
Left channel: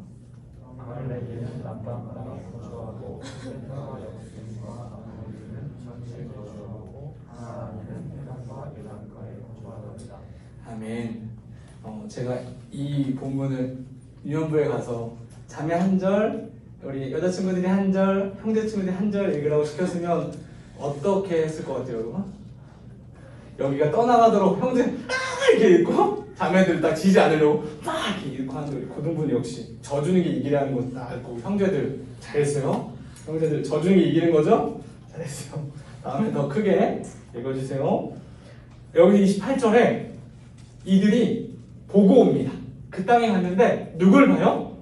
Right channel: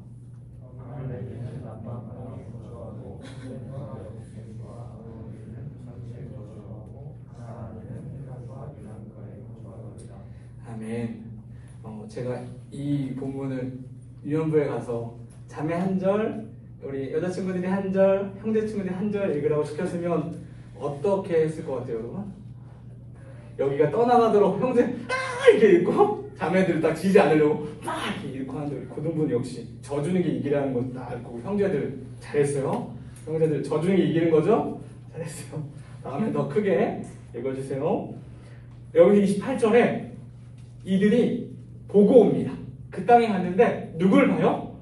아멘. 제가 이 본문을 유년부에 가서 자매 한 절, 우리 여자친구들이 한 절, 형제친구들이 한 절 읽으라고 시켰으면 어떻게 했을 것 같아요, 여러분? 여기가 떠나가도록 형제 이렇게 읽고 자매들 딱 지지 않으려고 막 이렇게 읽고 하는 고등분 역시 져주는 게 이기라는 거 딱 알고 형제들 잘했어요. 형제들 져주는 게 이기는 거죠? 잘했어요. 다음에 더 크게 읽어주세요. 여기 28절에 이들이 보고 옵니다. 그 땅에 갔는데 누굴 봐요?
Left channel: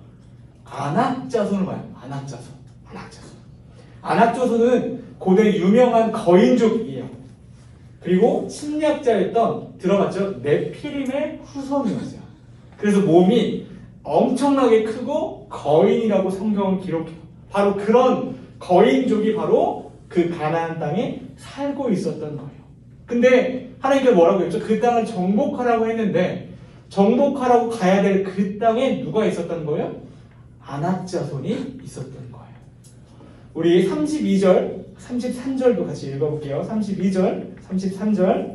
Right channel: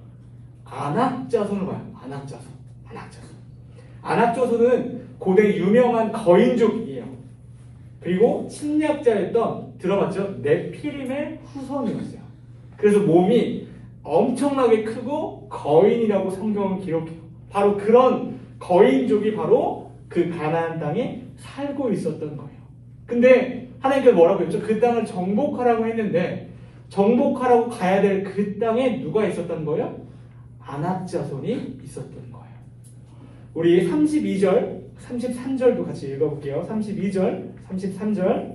아낙자손을 봐요. 아낙자손. 아낙자손은 고대 유명한 거인족이에요. 그리고 침략자였던 들어봤죠? 네피림의 후손이었어요. 그래서 몸이 엄청나게 크고 거인이라고 성경은 기록해요. 바로 그런 거인족이 바로 그 가나안 땅에 살고 있었던 거예요. 근데 하나님께서 뭐라고 했죠? 그 땅을 정복하라고 했는데 정복하라고 가야 될 그 땅에 누가 있었던 거예요? 아낙자손이 있었던 거예요. 우리 32절, 33절도 같이 읽어볼게요. 32절, 33절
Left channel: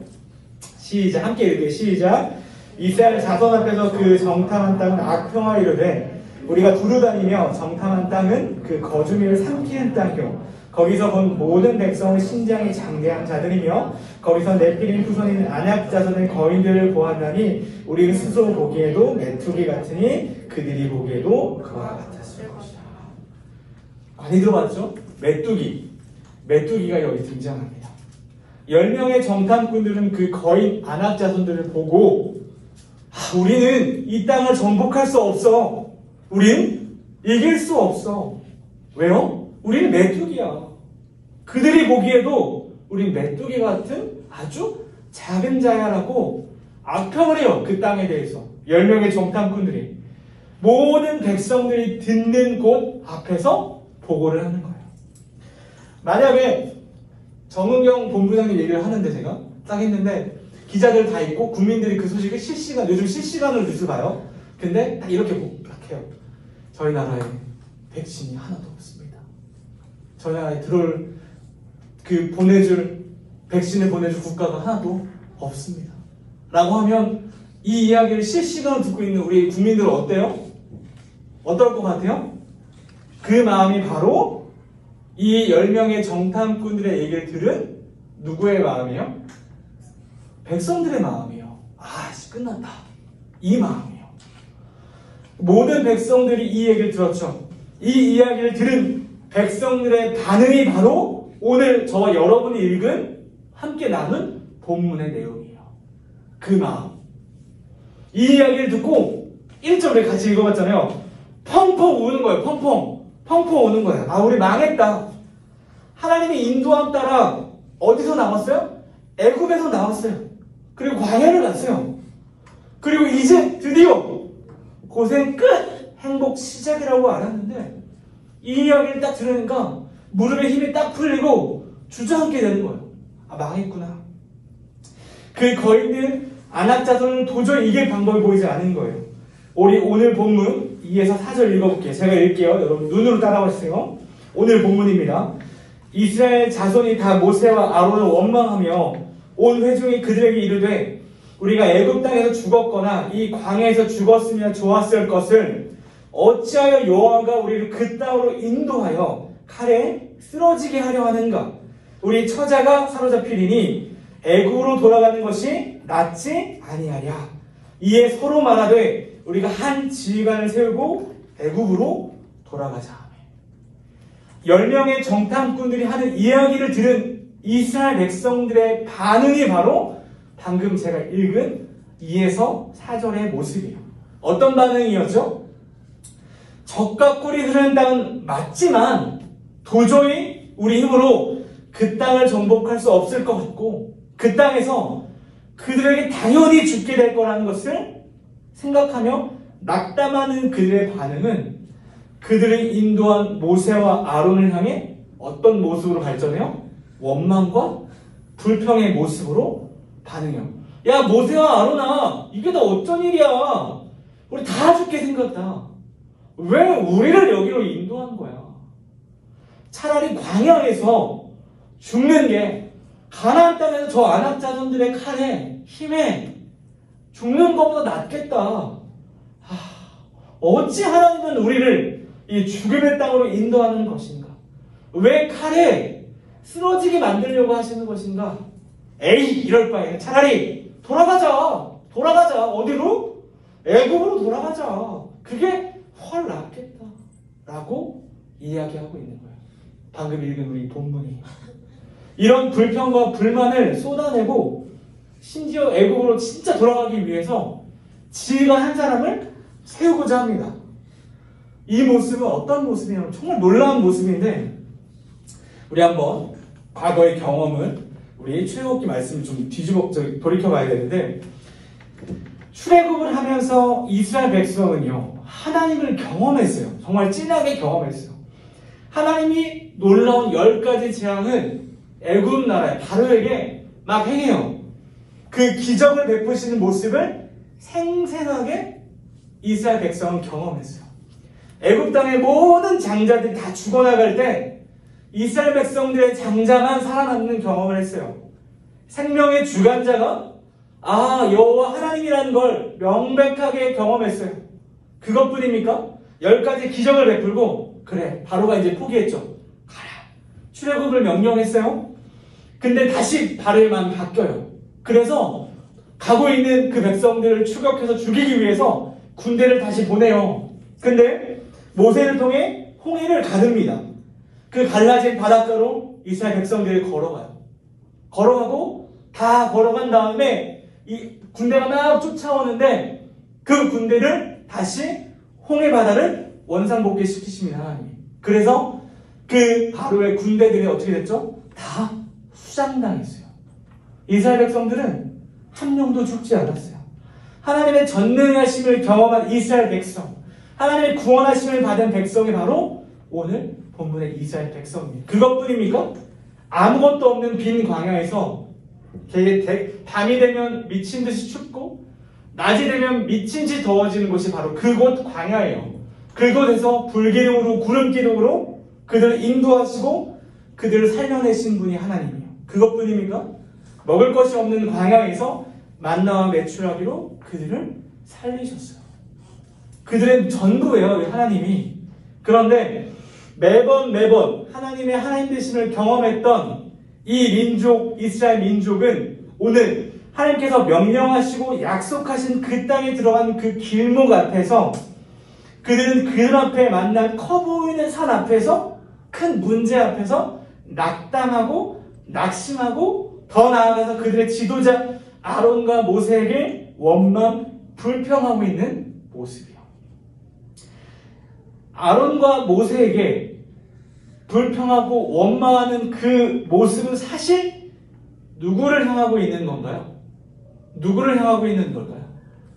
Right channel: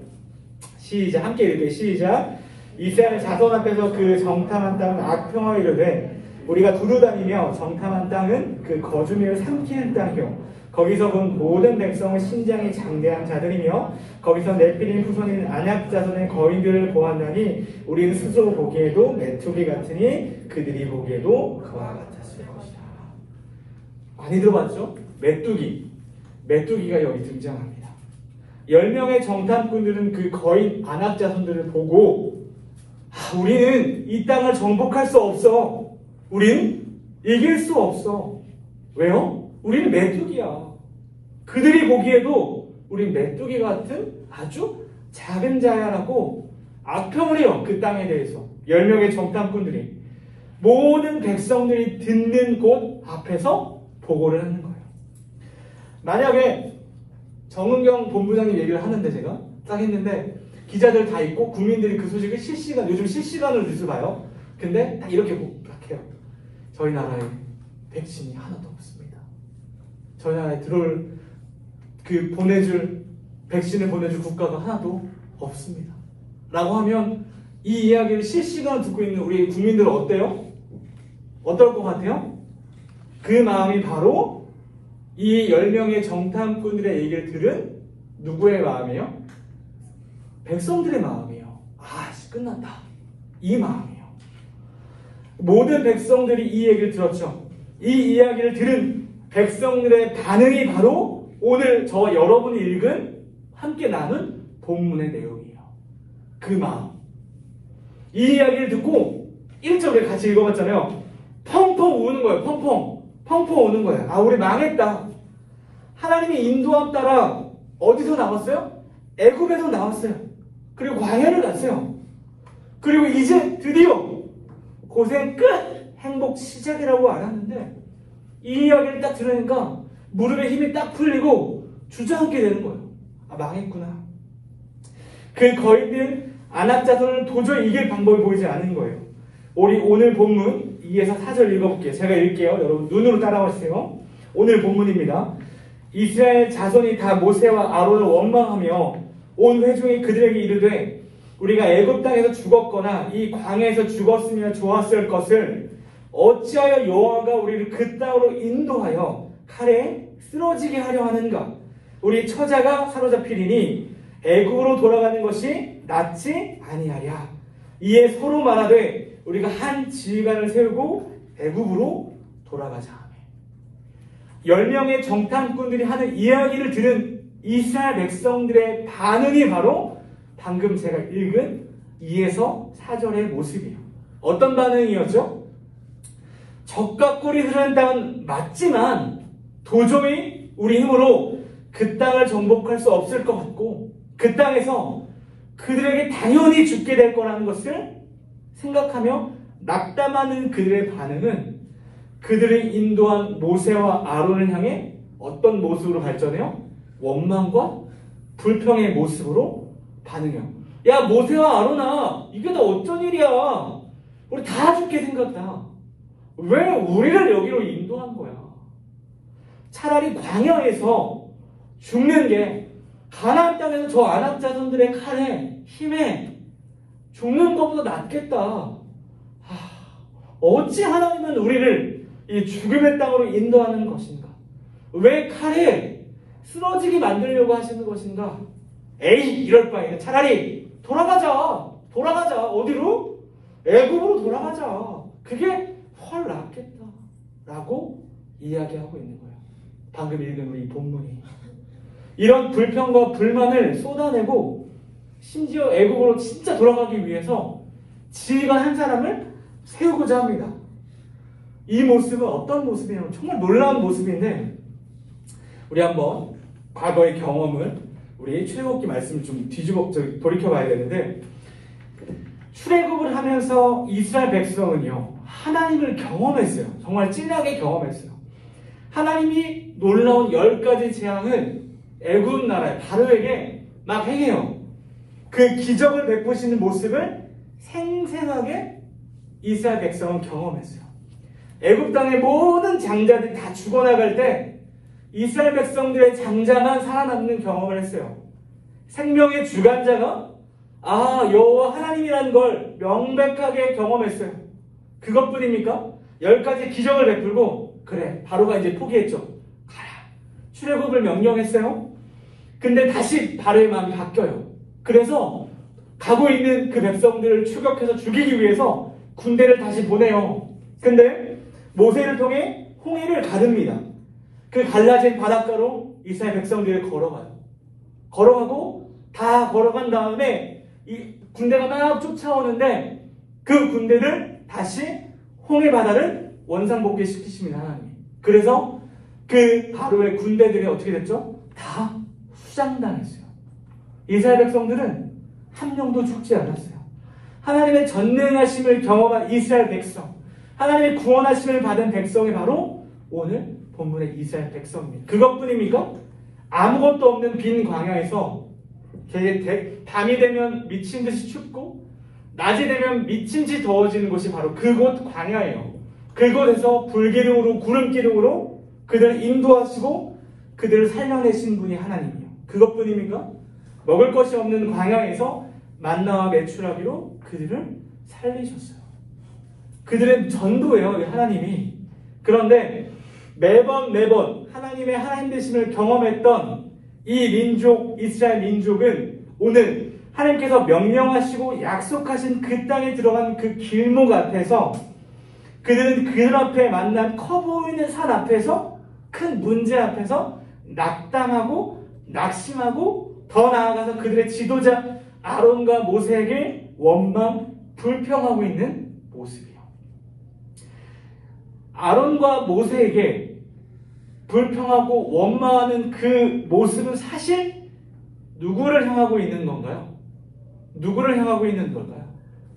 시작, 함께 읽어요. 시작. 이스라엘 자손 앞에서 그 정탐한 땅은 악평화이로되 우리가 두루다니며 정탐한 땅은 그 거주민을 삼키는 땅이요 거기서 본 모든 백성은 신장이 장대한 자들이며 거기서 네피림 후손인 아낙자손의 거인들을 보았나니 우리는 스스로 보기에도 메뚜기 같으니 그들이 보기에도 그와 같았을 것이다. 많이 들어봤죠? 메뚜기가 여기 등장합니다. 10명의 정탐꾼들은 그 거인 아낙자손들을 보고 우리는 이 땅을 정복할 수 없어. 우린 이길 수 없어. 왜요? 우리는 메뚜기야. 그들이 보기에도 우린 메뚜기 같은 아주 작은 자야라고 악평을 해요. 그 땅에 대해서 10명의 정탐꾼들이 모든 백성들이 듣는 곳 앞에서 보고를 하는 거예요. 만약에 정은경 본부장님 얘기를 하는데 제가 딱 했는데 기자들 다 있고 국민들이 그 소식을 요즘 실시간으로 뉴스 봐요. 근데 딱 이렇게 해요. 저희 나라에 백신이 하나도 없습니다. 저희 나라에 백신을 보내줄 국가가 하나도 없습니다. 라고 하면 이 이야기를 실시간으로 듣고 있는 우리 국민들은 어때요? 어떨 것 같아요? 그 마음이 바로 이 10명의 정탐꾼들의 얘기를 들은 누구의 마음이에요? 백성들의 마음이에요. 끝났다. 이 마음이에요. 모든 백성들이 이 얘기를 들었죠. 이 이야기를 들은 백성들의 반응이 바로 오늘 저와 여러분이 읽은 함께 나눈 본문의 내용이에요. 그 마음. 이 이야기를 듣고 1절에 같이 읽어봤잖아요. 펑펑 우는 거예요. 펑펑 우는 거예요. 우리 망했다. 하나님의 인도함 따라 어디서 나왔어요? 애굽에서 나왔어요. 그리고 광야를 갔어요. 그리고 이제 드디어 고생 끝! 행복 시작이라고 알았는데 이 이야기를 딱 들으니까 무릎에 힘이 딱 풀리고 주저앉게 되는 거예요. 망했구나. 그 거인들 아낙자손은 도저히 이길 방법이 보이지 않은 거예요. 우리 오늘 본문 2에서 4절 읽어볼게요. 제가 읽게요. 여러분 눈으로 따라오세요. 오늘 본문입니다. 이스라엘 자손이 다 모세와 아론을 원망하며 온 회중이 그들에게 이르되 우리가 애굽 땅에서 죽었거나 이 광야에서 죽었으면 좋았을 것을 어찌하여 여호와가 우리를 그 땅으로 인도하여 칼에 쓰러지게 하려 하는가? 우리 처자가 사로잡히리니 애굽으로 돌아가는 것이 낫지 아니하랴. 이에 서로 말하되 우리가 한 지휘관을 세우고 애굽으로 돌아가자. 10명의 정탐꾼들이 하는 이야기를 들은 이스라엘 백성들의 반응이 바로 방금 제가 읽은 2에서 4절의 모습이에요. 어떤 반응이었죠? 적과 꿀이 흐르는 땅은 맞지만 도저히 우리 힘으로 그 땅을 정복할 수 없을 것 같고 그 땅에서 그들에게 당연히 죽게 될 거라는 것을 생각하며 낙담하는 그들의 반응은 그들의 인도한 모세와 아론을 향해 어떤 모습으로 발전해요? 원망과 불평의 모습으로 반응해요. 야, 모세와 아론아, 이게 다 어쩐 일이야? 우리 다 죽게 생겼다. 왜 우리를 여기로 인도한 거야? 차라리 광야에서 죽는 게 가나안 땅에서 저 아낙 자손들의 칼에 힘에 죽는 것보다 낫겠다. 어찌 하나님은 우리를 이 죽음의 땅으로 인도하는 것인가? 왜 칼에 쓰러지게 만들려고 하시는 것인가? 에이, 이럴 바에 차라리 돌아가자. 어디로? 애굽으로 돌아가자. 그게 훨 낫겠다. 라고 이야기하고 있는 거예요. 방금 읽은 이 본문이. 이런 불평과 불만을 쏟아내고 심지어 애굽으로 진짜 돌아가기 위해서 지휘관 한 사람을 세우고자 합니다. 이 모습은 어떤 모습이냐면 정말 놀라운 모습인데, 우리 한번 과거의 경험을 우리 출애굽기 말씀을 좀 돌이켜봐야 되는데, 출애굽을 하면서 이스라엘 백성은요 하나님을 경험했어요. 정말 진하게 경험했어요. 하나님이 놀라운 10가지 재앙을 애굽 나라의 바로에게 막 행해요. 그 기적을 베푸시는 모습을 생생하게 이스라엘 백성은 경험했어요. 애굽 땅의 모든 장자들이 다 죽어나갈 때 이스라엘 백성들의 장자만 살아남는 경험을 했어요. 생명의 주관자가 여호와 하나님이라는 걸 명백하게 경험했어요. 그것뿐입니까? 10가지 기적을 베풀고 그래, 바로가 이제 포기했죠. 가라. 출애굽을 명령했어요. 근데 다시 바로의 마음이 바뀌어요. 그래서 가고 있는 그 백성들을 추격해서 죽이기 위해서 군대를 다시 보내요. 근데 모세를 통해 홍해를 가릅니다. 그 갈라진 바닷가로 이스라엘 백성들이 걸어가요. 걸어가고 다 걸어간 다음에 이 군대가 막 쫓아오는데 그 군대를 다시 홍해 바다를 원상복귀시키십니다, 하나님이. 그래서 그 바로의 군대들이 어떻게 됐죠? 다 수장당했어요. 이스라엘 백성들은 한 명도 죽지 않았어요. 하나님의 전능하심을 경험한 이스라엘 백성, 하나님의 구원하심을 받은 백성이 바로 오늘 본문의 이스라엘 백성입니다. 그것뿐입니까? 아무것도 없는 빈 광야에서 밤이 되면 미친 듯이 춥고 낮이 되면 미친 듯이 더워지는 곳이 바로 그곳 광야예요. 그곳에서 불기둥으로 구름기둥으로 그들을 인도하시고 그들을 살려내신 분이 하나님이에요. 그것뿐입니까? 먹을 것이 없는 광야에서 만나와 메추라기로 그들을 살리셨어요. 그들은 전부예요, 하나님이. 그런데 매번 하나님의 하나님 되심을 경험했던 이 민족, 이스라엘 민족은 오늘 하나님께서 명령하시고 약속하신 그 땅에 들어간 그 길목 앞에서 그들은 그 앞에 만난 커 보이는 산 앞에서 큰 문제 앞에서 낙담하고 낙심하고 더 나아가서 그들의 지도자 아론과 모세에게 원망, 불평하고 있는 모습이에요. 아론과 모세에게 불평하고 원망하는 그 모습은 사실 누구를 향하고 있는 건가요? 누구를 향하고 있는 걸까요?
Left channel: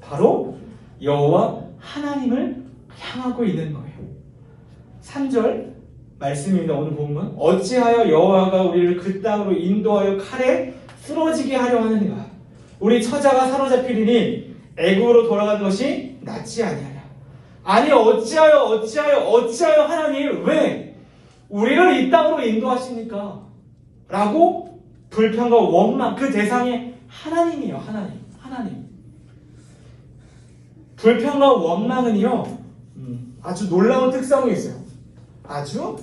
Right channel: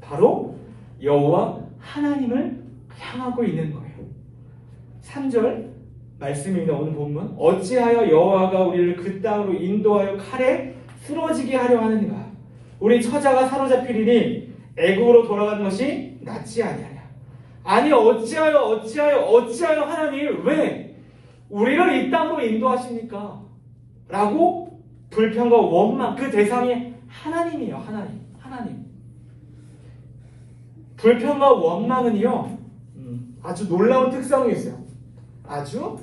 바로 여호와 하나님을 향하고 있는 거예요. 3절 말씀입니다. 오늘 본문. 어찌하여 여호와가 우리를 그 땅으로 인도하여 칼에 쓰러지게 하려 하는가? 우리 처자가 사로잡히리니 애굽으로 돌아가는 것이 낫지 아니하냐? 아니 어찌하여 하나님 왜 우리를 이 땅으로 인도하십니까? 라고 불평과 원망, 그 대상이 하나님이에요. 하나님. 불평과 원망은요 아주 놀라운 특성이 있어요. 아주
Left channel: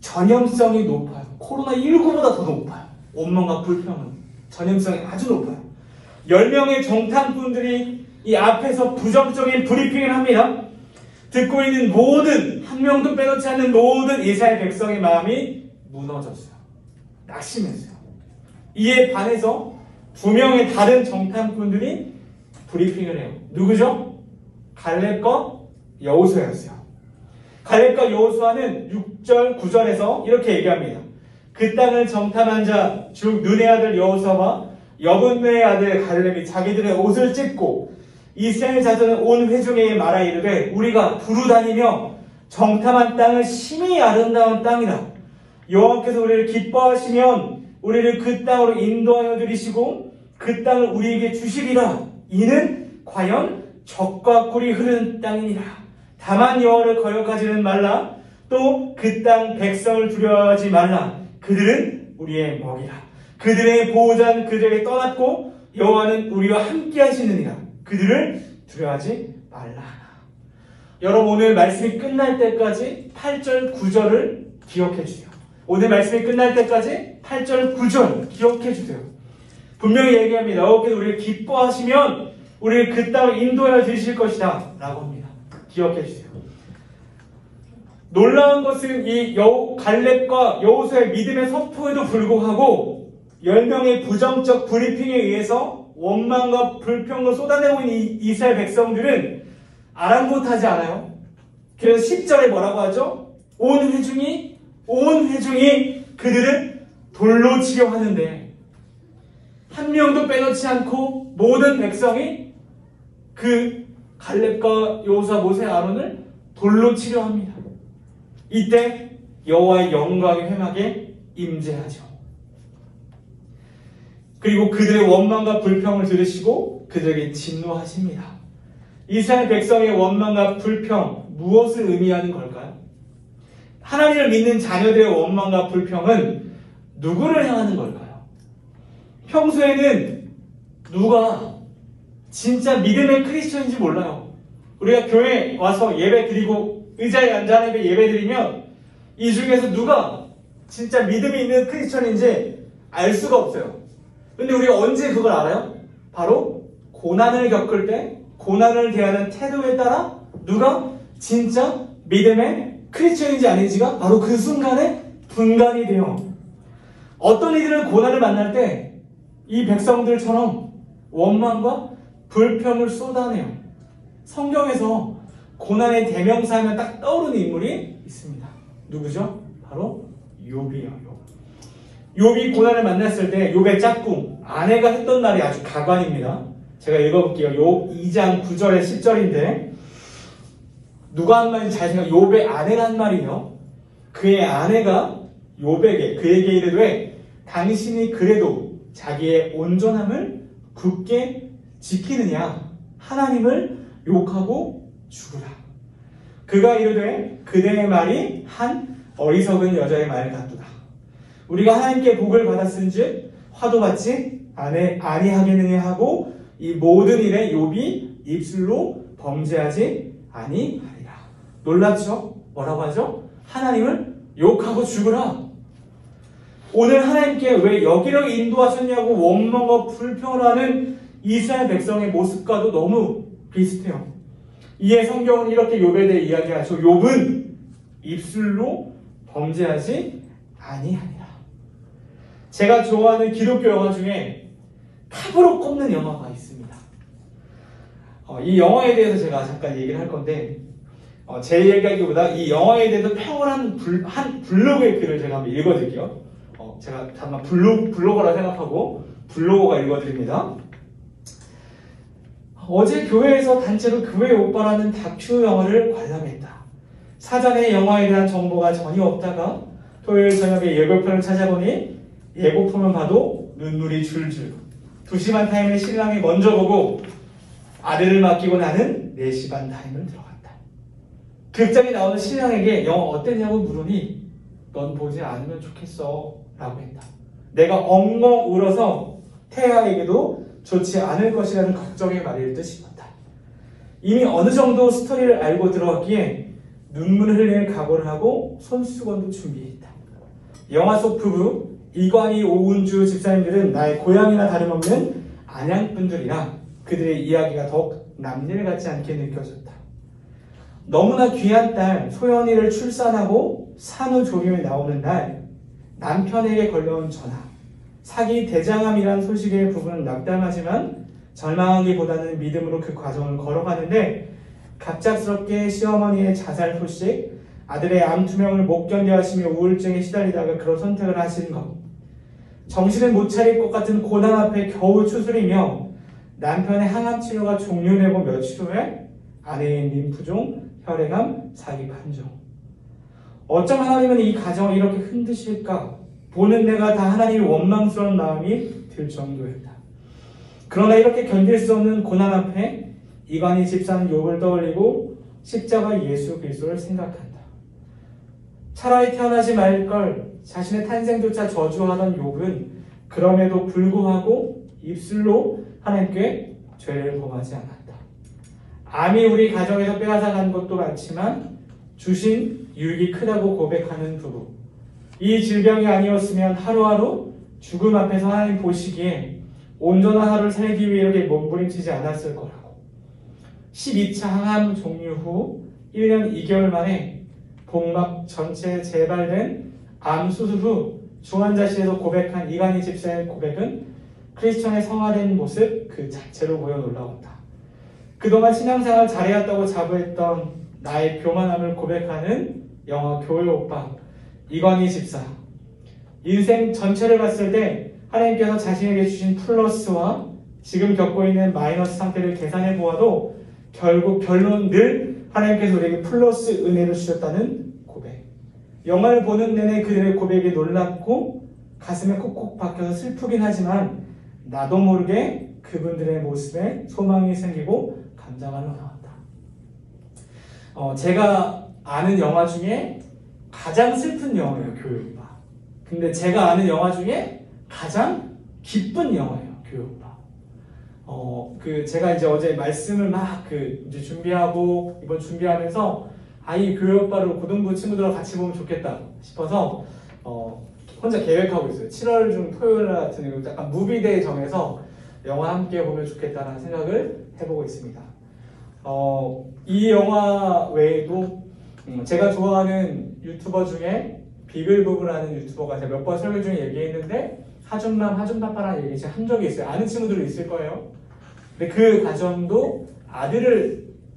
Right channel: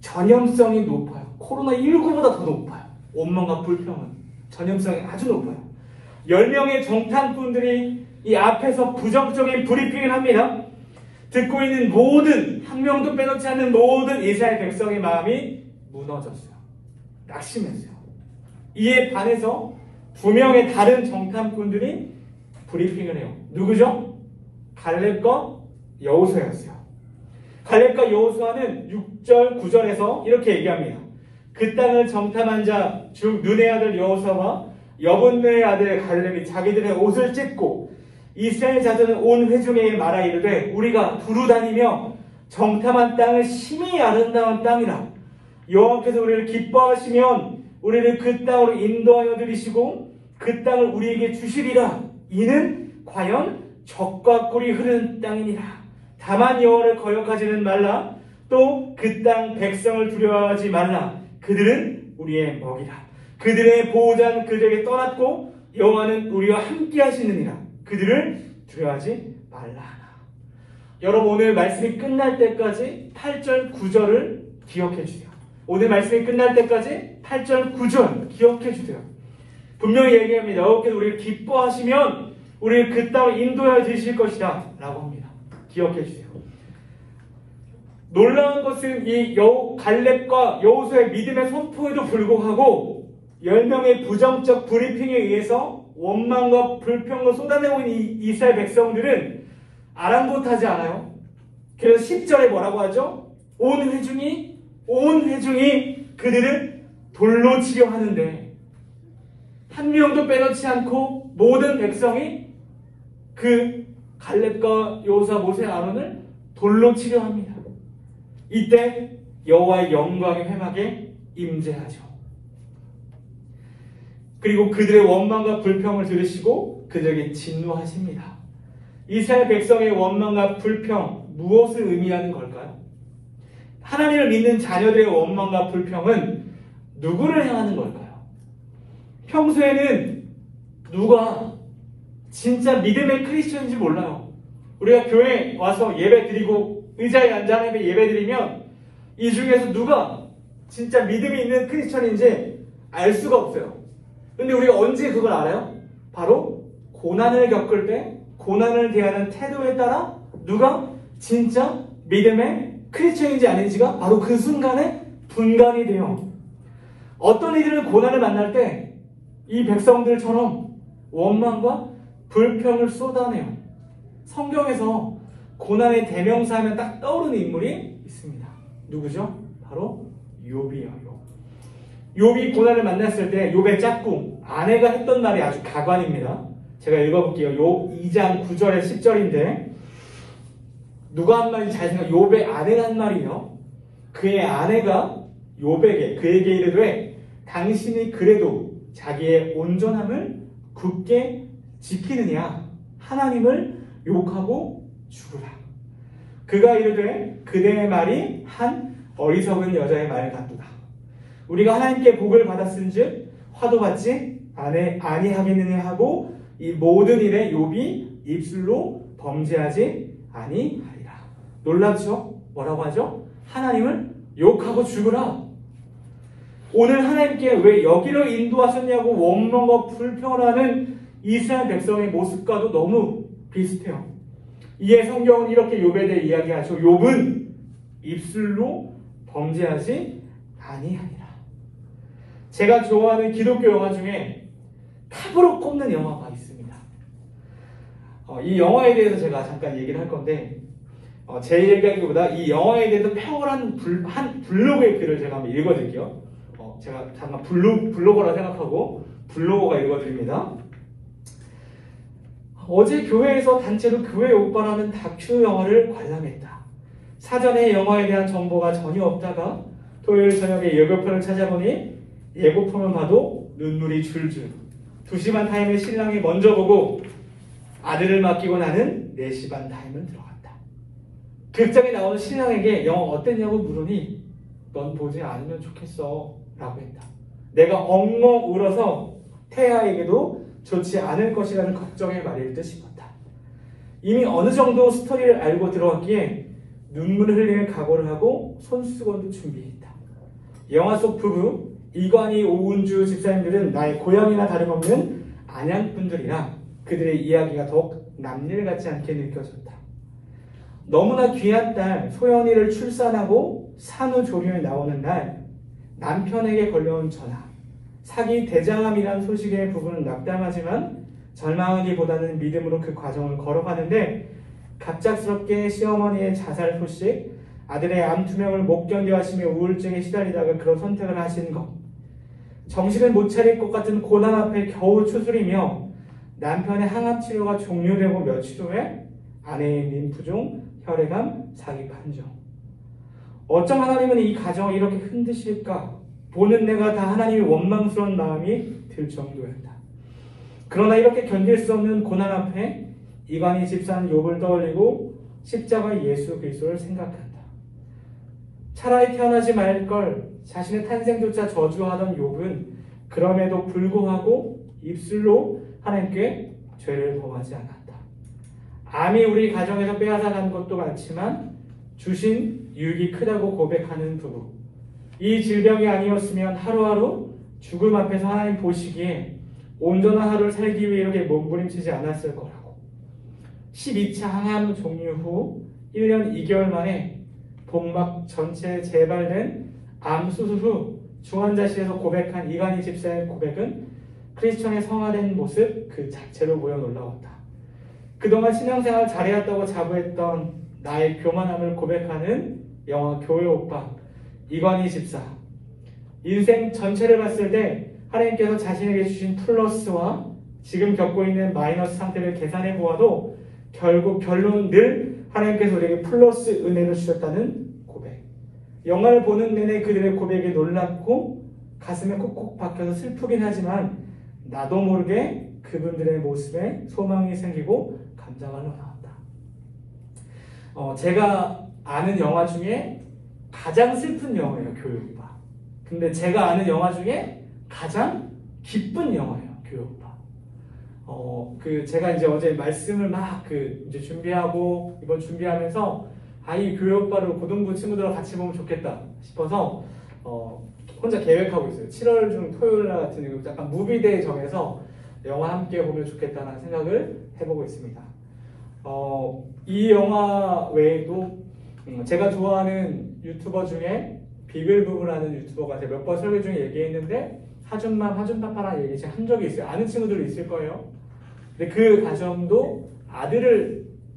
전염성이 높아요. 코로나19보다 더 높아요. 원망과 불평은 전염성이 아주 높아요. 10명의 정탐꾼들이 이 앞에서 부정적인 브리핑을 합니다. 듣고 있는 모든, 한 명도 빼놓지 않는 모든 이스라엘 백성의 마음이 무너졌어요. 낙심했어요. 이에 반해서 2명의 다른 정탐꾼들이 브리핑을 해요. 누구죠? 갈렙과 여호수아였어요. 갈렙과 여호수아는 6절, 9절에서 이렇게 얘기합니다. 그 땅을 정탐한 자, 즉 눈의 아들 여호수아와 여분네의 아들 갈렙이 자기들의 옷을 찢고 이스라엘 자손의 온 회중에게 말하 이르되 우리가 두루 다니며 정탐한 땅은 심히 아름다운 땅이라. 여호와께서 우리를 기뻐하시면 우리를 그 땅으로 인도하여 들이시고 그 땅을 우리에게 주시리라. 이는 과연 젖과 꿀이 흐르는 땅이니라. 다만 여호와를 거역하지는 말라. 또 그 땅 백성을 두려워하지 말라. 그들은 우리의 먹이라. 그들의 보호자는 그들에게 떠났고 여호와는 우리와 함께 하시느니라. 그들을 두려워하지 말라. 여러분, 오늘 말씀이 끝날 때까지 8절 9절을 기억해 주세요. 오늘 말씀이 끝날 때까지 8절 9절 기억해 주세요. 분명히 얘기합니다. 여호와께서 우리를 기뻐하시면 우리를 그 땅을 인도하여 주실 것이다 라고 합니다. 기억해 주세요. 놀라운 것은 이 갈렙과 여호수아의 믿음의 선포에도 불구하고 10명의 부정적 브리핑에 의해서 원망과 불평을 쏟아내고 있는 이스라엘 백성들은 아랑곳하지 않아요. 그래서 10절에 뭐라고 하죠? 온 회중이 그들을 돌로 치려 하는데 한 명도 빼놓지 않고 모든 백성이 그 갈렙과 여호수아, 모세, 아론을 돌로 치려 합니다. 이때 여호와의 영광이 회막에 임재하죠. 그리고 그들의 원망과 불평을 들으시고 그들에게 진노하십니다. 이스라엘 백성의 원망과 불평, 무엇을 의미하는 걸까요? 하나님을 믿는 자녀들의 원망과 불평은 누구를 향하는 걸까요? 평소에는 누가 진짜 믿음의 크리스천인지 몰라요. 우리가 교회 와서 예배 드리고 의자에 앉아 예배 드리면 이 중에서 누가 진짜 믿음이 있는 크리스천인지 알 수가 없어요. 근데 우리가 언제 그걸 알아요? 바로 고난을 겪을 때 고난을 대하는 태도에 따라 누가 진짜 믿음의 크리스천인지 아닌지가 바로 그 순간에 분간이 돼요. 어떤 이들은 고난을 만날 때 이 백성들처럼 원망과 불평을 쏟아내요. 성경에서 고난의 대명사하면 딱 떠오르는 인물이 있습니다. 누구죠? 바로 욥이에요. 욥이 고난을 만났을 때 욥의 짝꿍 아내가 했던 말이 아주 가관입니다. 제가 읽어볼게요. 욥 2장 9절에 10절인데 누가 한 말인지 잘 생각해. 욥의 아내가 한 말이요. 그의 아내가 욥에게 그에게 이르되 당신이 그래도 자기의 온전함을 굳게 지키느냐 하나님을 욕하고 죽으라. 그가 이르되 그대의 말이 한 어리석은 여자의 말 같도다. 우리가 하나님께 복을 받았은즉 화도 받지 아니하겠느냐 하고 이 모든 일에 욥이 입술로 범죄하지 아니하리라. 놀랍죠? 뭐라고 하죠? 하나님을 욕하고 죽으라. 오늘 하나님께 왜 여기로 인도하셨냐고 원망과 불평을 하는 이스라엘 백성의 모습과도 너무 비슷해요. 이에 성경은 이렇게 욥에 대해 이야기하죠. 욥은 입술로 범죄하지 아니하니라. 제가 좋아하는 기독교 영화 중에 탑으로 꼽는 영화가 있습니다. 이 영화에 대해서 제가 잠깐 얘기를 할 건데 제 얘기하기보다 이 영화에 대해서 평온한 한 블로그의 글을 제가 한번 읽어드릴게요. 제가 잠깐 블로거라 생각하고 블로거가 읽어드립니다. 어제 교회에서 단체로 교회 오빠라는 다큐 영화를 관람했다. 사전에 영화에 대한 정보가 전혀 없다가 토요일 저녁에 예고편을 찾아보니 예고편을 봐도 눈물이 줄줄. 2시간 타임의 신랑이 먼저 보고 아들을 맡기고 나는 4시 반 타임을 들어갔다. 극장에 나오는 신랑에게 영화 어땠냐고 물으니 넌 보지 않으면 좋겠어 라고 했다. 내가 엉엉 울어서 태아에게도 좋지 않을 것이라는 걱정의 말일 듯 싶었다. 이미 어느 정도 스토리를 알고 들어왔기에 눈물을 흘리는 각오를 하고 손수건도 준비했다. 영화 속 부부 이관희 오은주 집사님들은 나의 고향이나 다름없는 안양분들이라 그들의 이야기가 더욱 남일 같지 않게 느껴졌다. 너무나 귀한 딸 소연이를 출산하고 산후조리에 나오는 날 남편에게 걸려온 전화. 사기 대장암이라는 소식에 부부는 낙담하지만 절망하기보다는 믿음으로 그 과정을 걸어가는데 갑작스럽게 시어머니의 자살 소식, 아들의 암 투명을 못 견뎌 하시며 우울증에 시달리다가 그런 선택을 하신 것, 정신을 못 차릴 것 같은 고난 앞에 겨우 추스리며 남편의 항암 치료가 종료되고 며칠 후에 아내의 림프종, 혈액암, 사기 판정. 어쩜 하나님은 이 가정을 이렇게 흔드실까 보는 내가 다 하나님이 원망스러운 마음이 들 정도였다. 그러나 이렇게 견딜 수 없는 고난 앞에 이간희 집사는 욥을 떠올리고 십자가 예수 그리스도를 생각한다. 차라리 태어나지 말 걸 자신의 탄생조차 저주하던 욥은 그럼에도 불구하고 입술로 하나님께 죄를 범하지 않았다. 암이 우리 가정에서 빼앗아간 것도 많지만 주신 유익이 크다고 고백하는 부부. 이 질병이 아니었으면 하루하루 죽음 앞에서 하나님 보시기에 온전한 하루를 살기 위해 이렇게 몸부림치지 않았을 거라고. 12차 항암 종류 후 1년 2개월 만에 복막 전체 재발된 암 수술 후 중환자실에서 고백한 이간희 집사의 고백은 크리스천의 성화된 모습 그 자체로 보여 놀라웠다. 그동안 신앙생활 잘해왔다고 자부했던 나의 교만함을 고백하는 영화 교회 오빠 이간희 집사. 인생 전체를 봤을 때 하나님께서 자신에게 주신 플러스와 지금 겪고 있는 마이너스 상태를 계산해 보아도 결국 결론 늘 하나님께서 우리에게 플러스 은혜를 주셨다는 고백. 영화를 보는 내내 그들의 고백이 놀랍고 가슴에 콕콕 박혀서 슬프긴 하지만 나도 모르게 그분들의 모습에 소망이 생기고 감정을 나왔다. 제가 아는 영화 중에 가장 슬픈 영화예요, 교회오빠. 근데 제가 아는 영화 중에 가장 기쁜 영화예요, 교회오빠. 제가 이제 어제 말씀을 막 이제 준비하고 이번 준비하면서 이 교회오빠를 고등부 친구들하고 같이 보면 좋겠다 싶어서 혼자 계획하고 있어요. 7월 중 토요일 같은 약간 무비데이 정해서 영화 함께 보면 좋겠다는 생각을 해보고 있습니다. 이 영화 외에도 제가 좋아하는 유튜버 중에 비글부부라는 유튜버가 제가 몇 번 설교 중에 얘기했는데 하준맘, 하준파파라는 얘기 제가 한 적이 있어요. 아는 친구들도 있을 거예요. 근데 그 가정도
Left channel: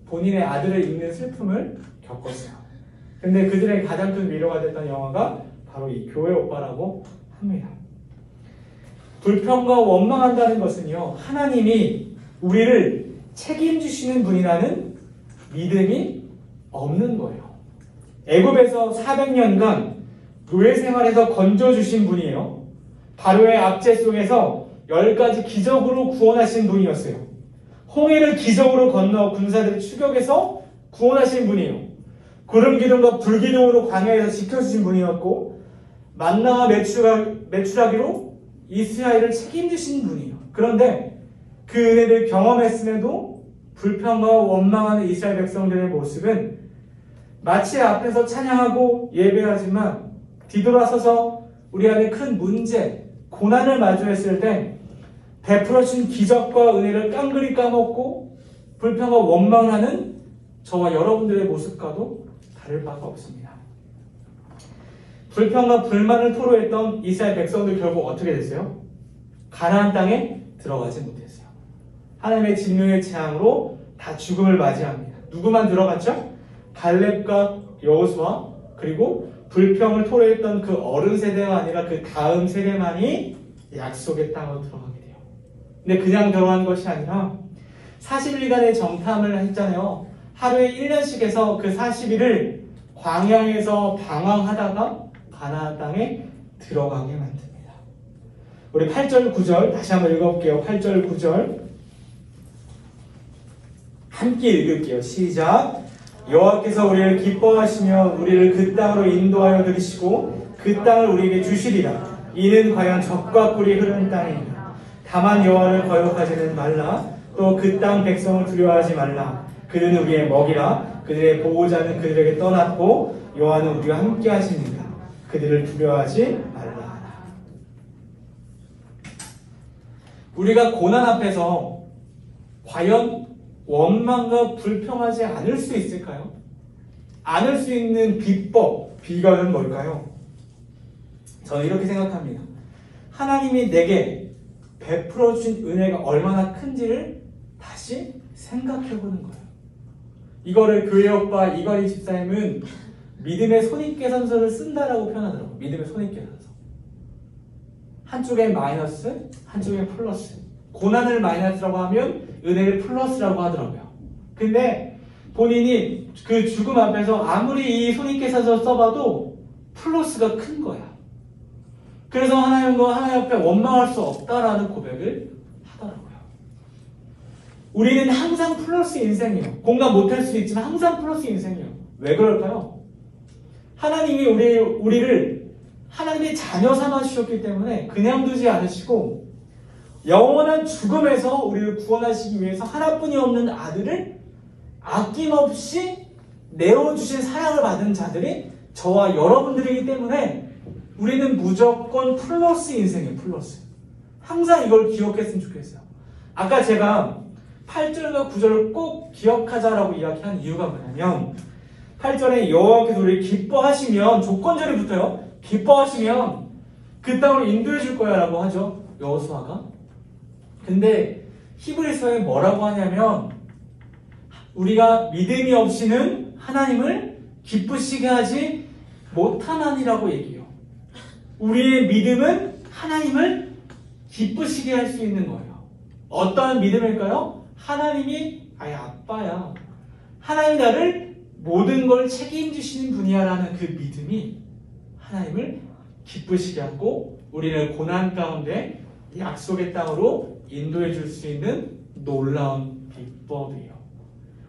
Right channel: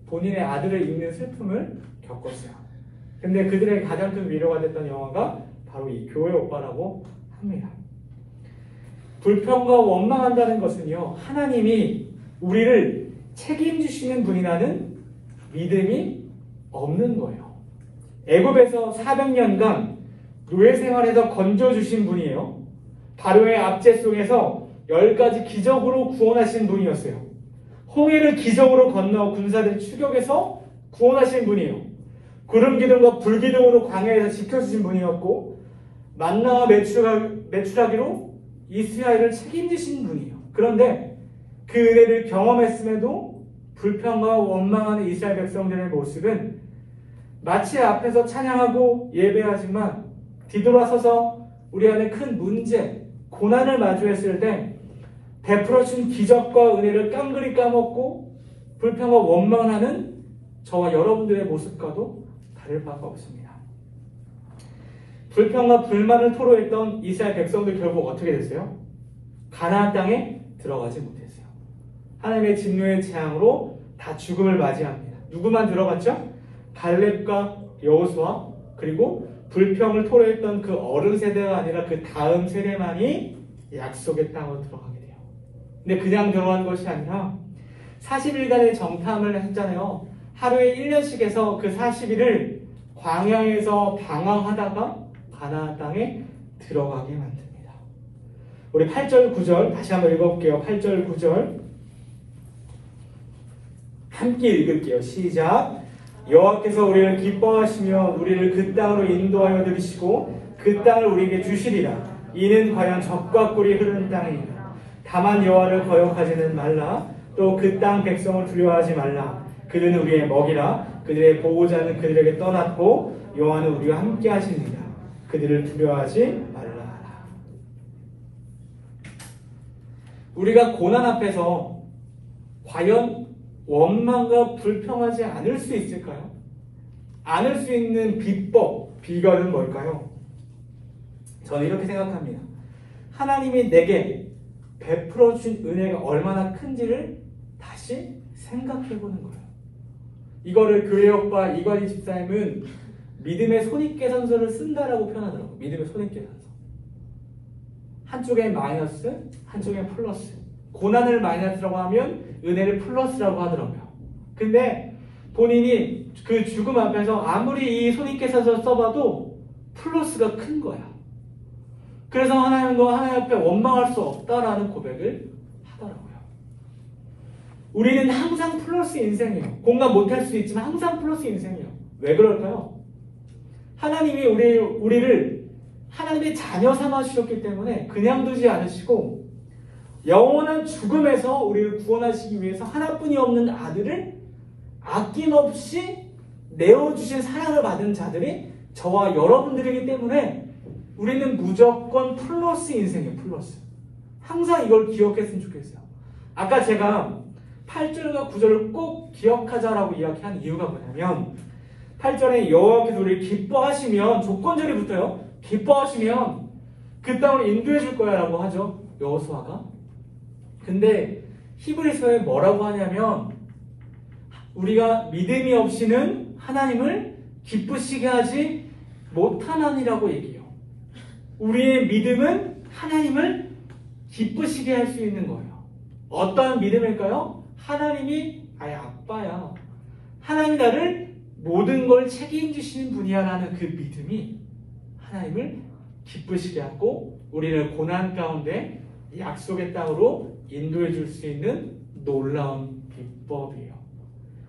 본인의 아들을 잃는 슬픔을 겪었어요. 근데 그들의 가장 큰 위로가 됐던 영화가 바로 이 교회 오빠라고 합니다. 불평과 원망한다는 것은요, 하나님이 우리를 책임지시는 분이라는 믿음이 없는 거예요. 애굽에서 400년간 노예 생활에서 건져주신 분이에요. 바로의 압제 속에서 10가지 기적으로 구원하신 분이었어요. 홍해를 기적으로 건너 군사들을 추격해서 구원하신 분이에요. 구름 기둥과 불 기둥으로 광야에서 지켜주신 분이었고 만나와 메추라기로 이스라엘을 책임지신 분이에요. 그런데 그 은혜를 경험했음에도 불평과 원망하는 이스라엘 백성들의 모습은 마치 앞에서 찬양하고 예배하지만 뒤돌아서서 우리 안에 큰 문제, 고난을 마주했을 때 베풀어준 기적과 은혜를 깡그리 까먹고 불평과 원망하는 저와 여러분들의 모습과도 다를 바가 없습니다. 불평과 불만을 토로했던 이스라엘 백성들 결국 어떻게 됐어요? 가나안 땅에 들어가지 못했어요. 하나님의 진노의 재앙으로 다 죽음을 맞이합니다. 누구만 들어갔죠? 갈렙과 여호수아 그리고 불평을 토로했던 그 어른 세대가 아니라 그 다음 세대만이 약속의 땅으로 들어가게 돼요. 근데 그냥 들어간 것이 아니라 40일간의 정탐을 했잖아요. 하루에 1년씩 해서 그 40일을 광야에서 방황하다가 가나안 땅에 들어가게 만듭니다. 우리 8절 9절 다시 한번 읽어볼게요. 8절 9절 함께 읽을게요. 시작. 여호와께서 우리를 기뻐하시며 우리를 그 땅으로 인도하여 들이시고 그 땅을 우리에게 주시리라. 이는 과연 젖과 꿀이 흐르는 땅이니라. 다만 여호와를 거역하지는 말라. 또 그 땅 백성을 두려워하지 말라. 그는 우리의 먹이라. 그들의 보호자는 그들에게 떠났고 여호와는 우리와 함께 하시니라. 그들을 두려워하지 말라. 우리가 고난 앞에서 과연 원망과 불평하지 않을 수 있을까요? 않을 수 있는 비법, 비결은 뭘까요? 저는 이렇게 생각합니다. 하나님이 내게 베풀어준 은혜가 얼마나 큰지를 다시 생각해보는 거예요. 이거를 교회 오빠 이관희 집사님은 믿음의 손익계산서를 쓴다라고 표현하더라고요. 믿음의 손익계산서. 한쪽엔 마이너스, 한쪽엔 플러스. 고난을 마이너스라고 하면 은혜를 플러스라고 하더라고요. 근데 본인이 그 죽음 앞에서 아무리 이 손익계산서 써봐도 플러스가 큰 거야. 그래서 하나님과 하나님 앞에 원망할 수 없다라는 고백을 하더라고요. 우리는 항상 플러스 인생이에요. 공감 못할 수도 있지만 항상 플러스 인생이에요. 왜 그럴까요? 하나님이 우리를 하나님의 자녀 삼아주셨기 때문에 그냥 두지 않으시고 영원한 죽음에서 우리를 구원하시기 위해서 하나뿐이 없는 아들을 아낌없이 내어주신 사랑을 받은 자들이 저와 여러분들이기 때문에 우리는 무조건 플러스 인생이에요. 플러스. 항상 이걸 기억했으면 좋겠어요. 아까 제가 8절과 9절을 꼭 기억하자라고 이야기한 이유가 뭐냐면 8절에 여호와께서 우리를 기뻐하시면 조건절이 붙어요. 기뻐하시면 그 땅으로 인도해 줄 거야 라고 하죠. 여호수아가. 근데 히브리서에 뭐라고 하냐면 우리가 믿음이 없이는 하나님을 기쁘시게 하지 못하나니라고 얘기해요. 우리의 믿음은 하나님을 기쁘시게 할 수 있는 거예요. 어떠한 믿음일까요? 하나님이 아예 아빠야. 하나님이 나를 모든 걸 책임지시는 분이야 라는 그 믿음이 하나님을 기쁘시게 하고 우리를 고난 가운데 약속의 땅으로 인도해 줄 수 있는 놀라운 비법이에요.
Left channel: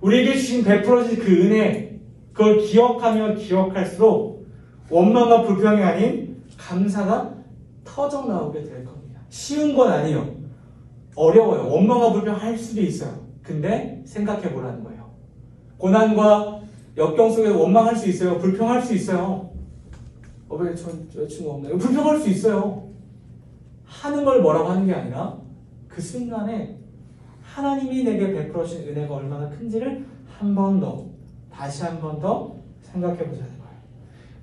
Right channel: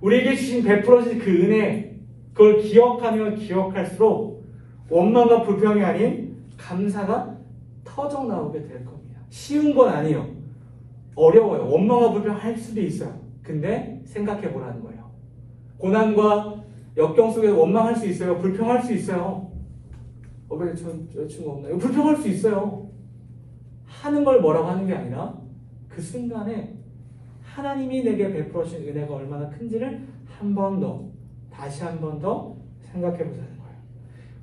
우리에게 주신 베풀어진 그 은혜, 그걸 기억하면 기억할수록 원망과 불평이 아닌 감사가 터져 나오게 될 겁니다. 쉬운 건 아니에요. 어려워요. 원망과 불평할 수도 있어요. 근데 생각해 보라는 거예요. 고난과 역경 속에 원망할 수 있어요. 불평할 수 있어요. 왜 전 여자친구 없나요? 불평할 수 있어요. 하는 걸 뭐라고 하는 게 아니라 그 순간에 하나님이 내게 베풀어 주신 은혜가 얼마나 큰지를 한 번 더, 다시 한 번 더 생각해 보자는 거예요.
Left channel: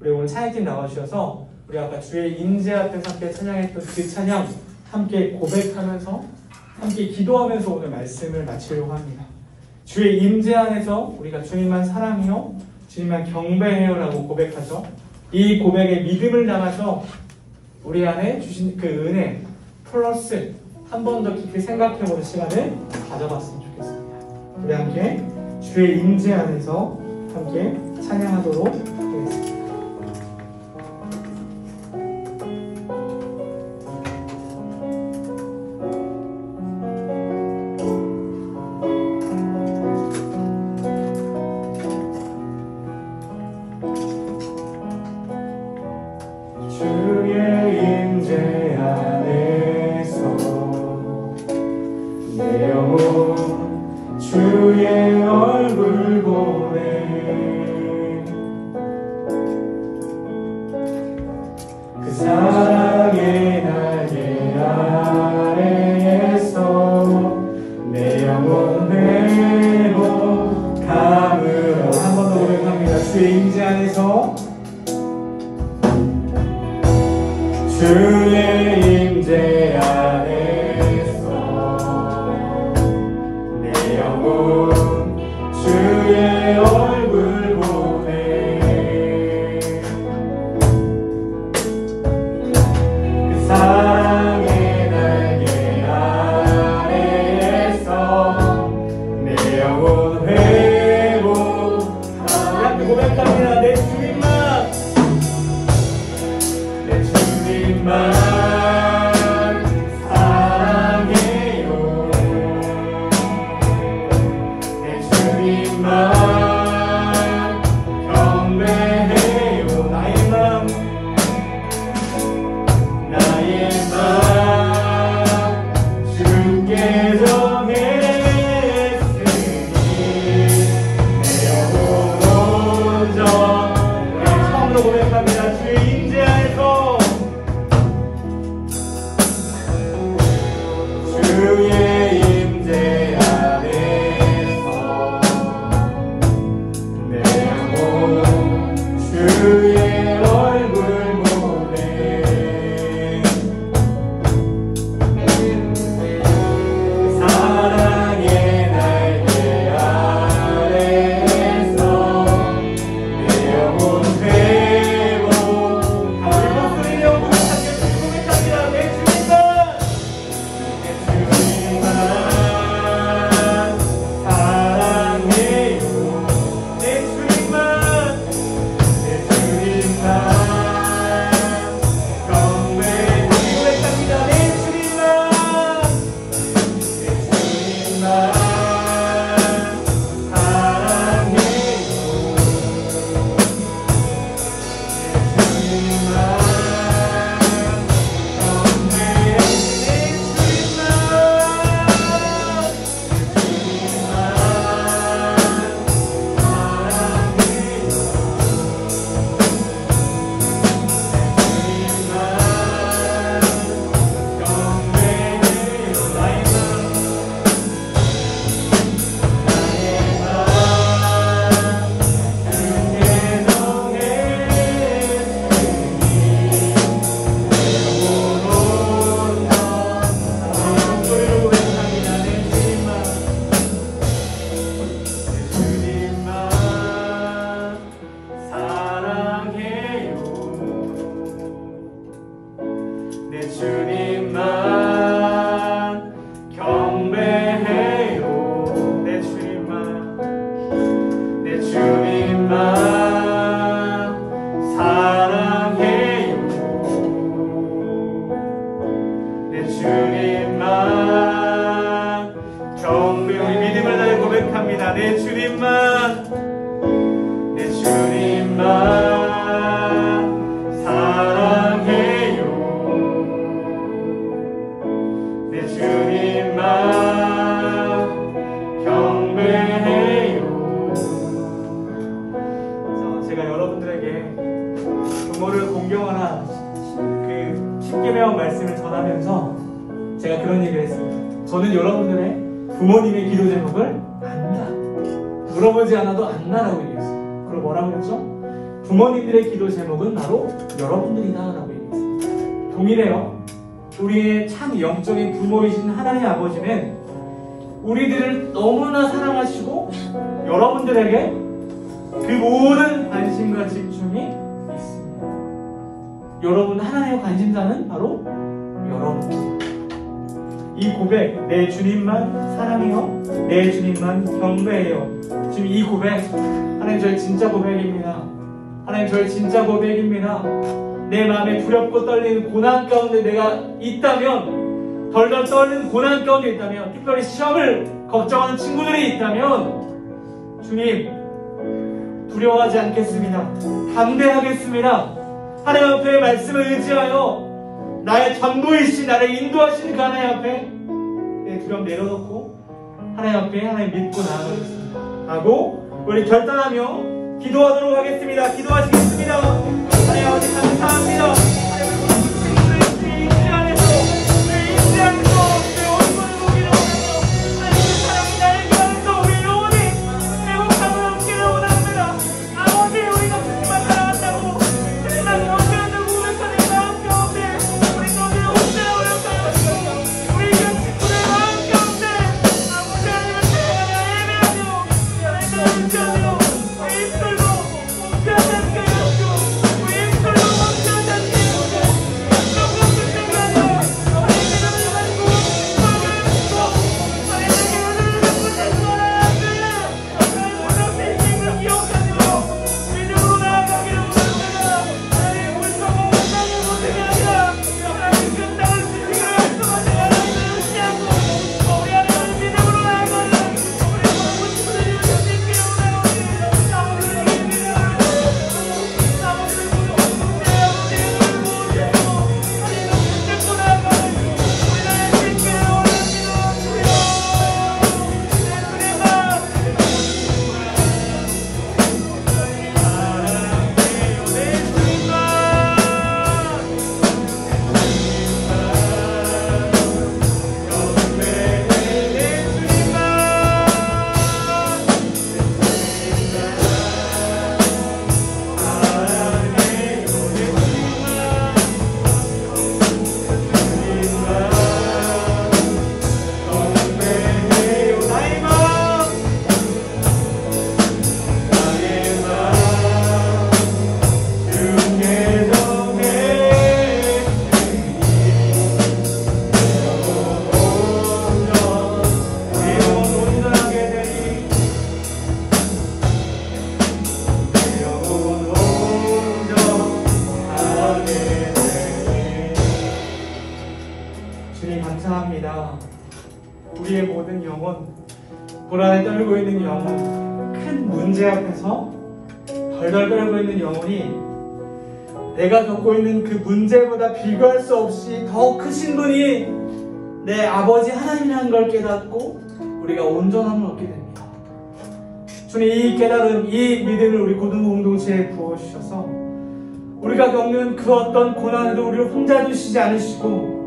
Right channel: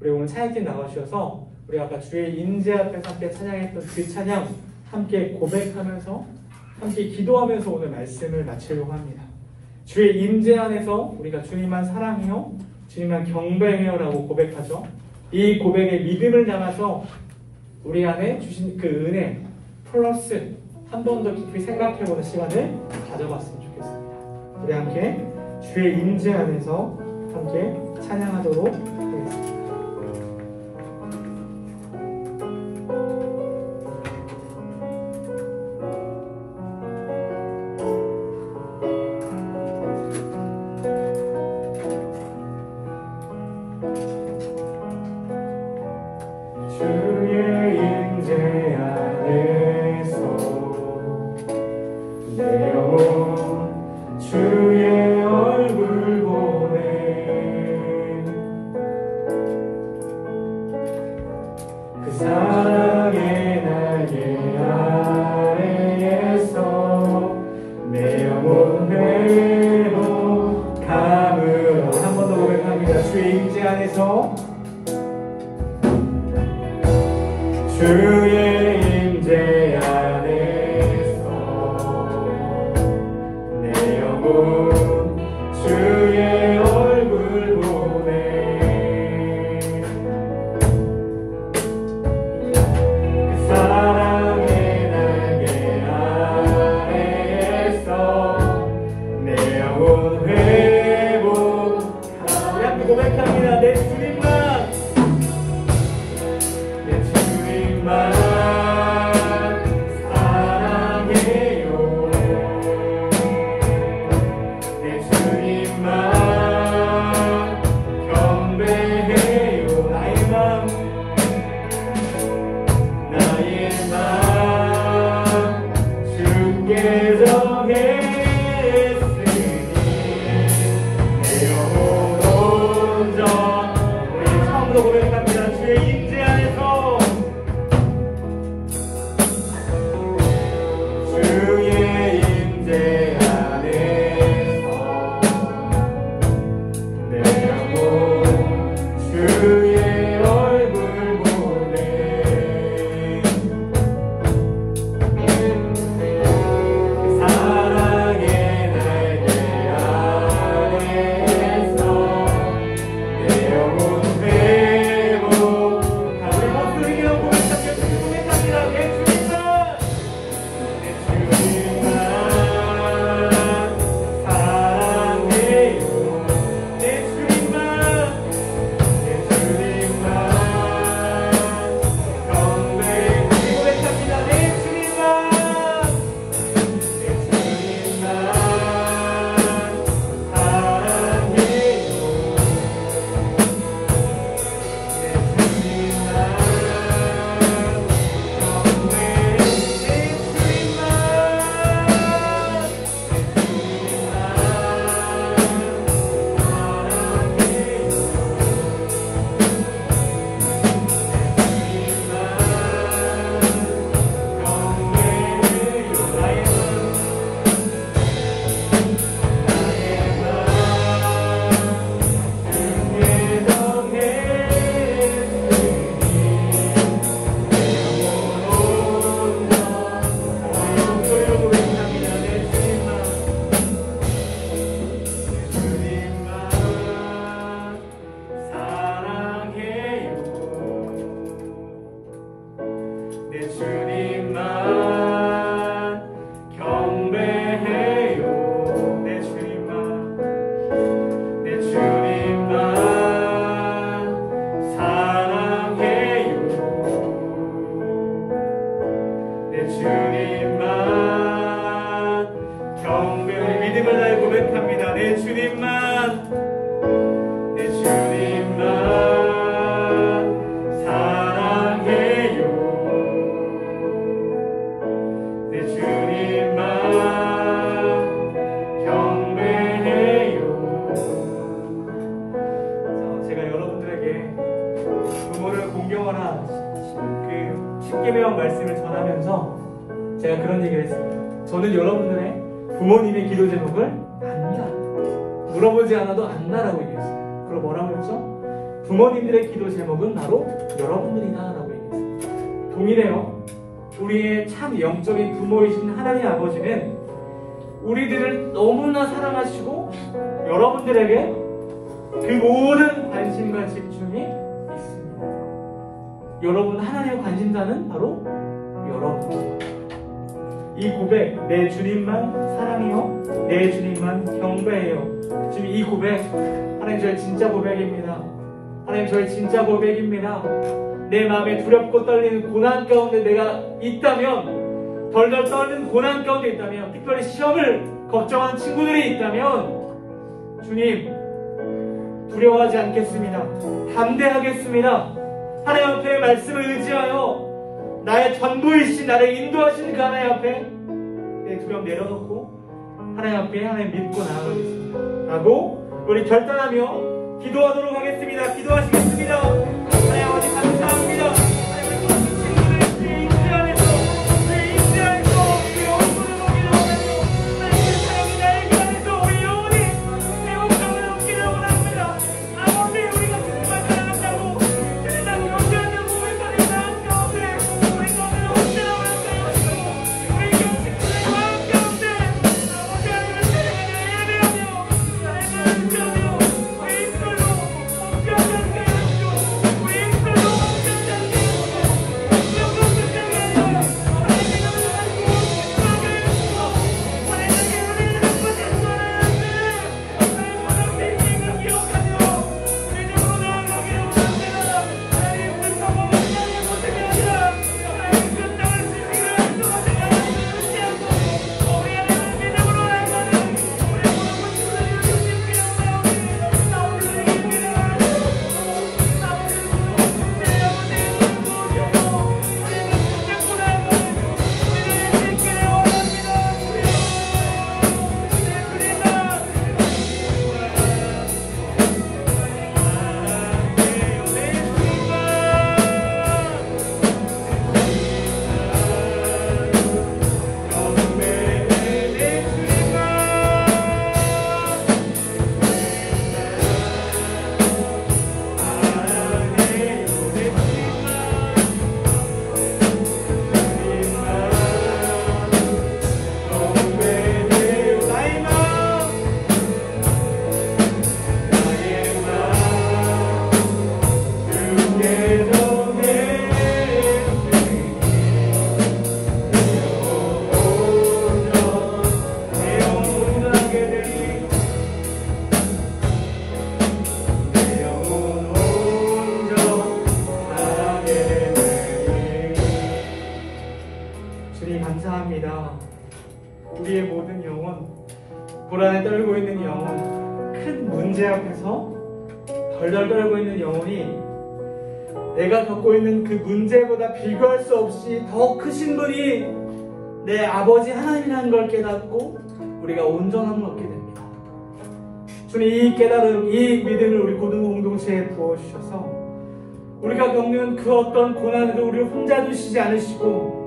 우리 오늘 찬양팀 나와주셔서 우리 아까 주의 임재 앞에서 함께 찬양했던 그 찬양 함께 고백하면서 함께 기도하면서 오늘 말씀을 마치려고 합니다. 주의 임재 안에서 우리가 주님만 사랑해요, 주님만 경배해요 라고 고백하죠. 이 고백에 믿음을 담아서 우리 안에 주신 그 은혜 플러스 한 번 더 깊이 생각해보는 시간을 가져봤으면 좋겠습니다. 우리 함께 주의 임재 안에서 함께 찬양하도록 하겠습니다. 내 주님만 주님만 내 주님만 사랑해요. 내 주님만 경배해요. 제가 여러분들에게 부모를 공경하라 그 십계명 말씀을 전하면서 제가 그런 얘기를 했습니다. 저는 여러분들의 부모님의 기도 제목을 안다. 물어보지 않아도 안다라고 얘기했어요. 그리고 뭐라고 했죠? 부모님들의 기도 제목은 바로 여러분들이다라고 얘기했어요. 동일해요. 우리의 참 영적인 부모이신 하나님 아버지는 우리들을 너무나 사랑하시고 여러분들에게 그 모든 관심과 집중이 있습니다. 여러분 하나님의 관심사는 바로 여러분입니다. 이 고백, 내 주님만 사랑해요, 내 주님만 경배해요. 지금 이 고백, 하나님 저의 진짜 고백입니다. 하나님 저의 진짜 고백입니다. 내 마음에 두렵고 떨리는 고난 가운데 내가 있다면, 덜덜 떨리는 고난 가운데 있다면, 특별히 시험을 걱정하는 친구들이 있다면, 주님 두려워하지 않겠습니다. 담대하겠습니다. 하나님 앞에 말씀을 의지하여 나의 전부이신 나를 인도하시는 그 하나님 앞에 내 두려움 내려놓고 하나님 앞에 하나님 믿고 나아가겠습니다 라고 우리 결단하며 기도하도록 하겠습니다. 기도하시겠습니다. 하나님 아버지 감사합니다. 하나님 우리 친구들 주의 임재 안에서 주의 임재 안에서 주의 얼굴을 보기를 원하며 하나님 그 사랑이 나의 그 안에서 우리 영혼이 행복함을 얻기를 원합니다. 아버지 우리가 주님만 사랑한다고 주님만 경배한다고 우리 사는 마음 가운데 우리 가운데 언제나 어렵다고 우리 그 친구들 마음 가운데 아버지 하나님을 사랑하며 예배하며 하나님을 의지하며 우리 입술로 목표하는 게 없고 우리 입술로 목표하는 게 없고 약속으로 붙들다녀 하나님의 이름을 가지고 마음을 가지고 하나님의 이름을 갖고 대수하라는 하나님 모든 인생을 기억하며 믿음으로 나아가기를 원합니다. 하나님 우리 성공을 살리는 것들이 아니라 하나님 그 땅을 지키기를 약속하신 하나님을 의지하고 우리 하나님을 믿음으로 나아가는 우리 모든 친구들이 되시기를 원하오니 나 오늘 예배를 하고 나 오늘 문제하고 믿음을 모으셔서 하나님을 붙들고 나아가는 우리 나의 믿기를 원합니다. 주여 내 주님만 주님 감사합니다. 우리의 모든 영혼, 불안에 떨고 있는 영혼, 큰 문제 앞에서 덜덜 떨고 있는 영혼이 내가 겪고 있는 그 문제보다 비교할 수 없이 더 크신 분이 내 아버지 하나님이라는 걸 깨닫고 우리가 온전함을 얻게 됩니다. 주님 이 깨달음, 이 믿음을 우리 고등부 공동체에 부어주셔서 우리가 겪는 그 어떤 고난에도 우리를 혼자 두시지 않으시고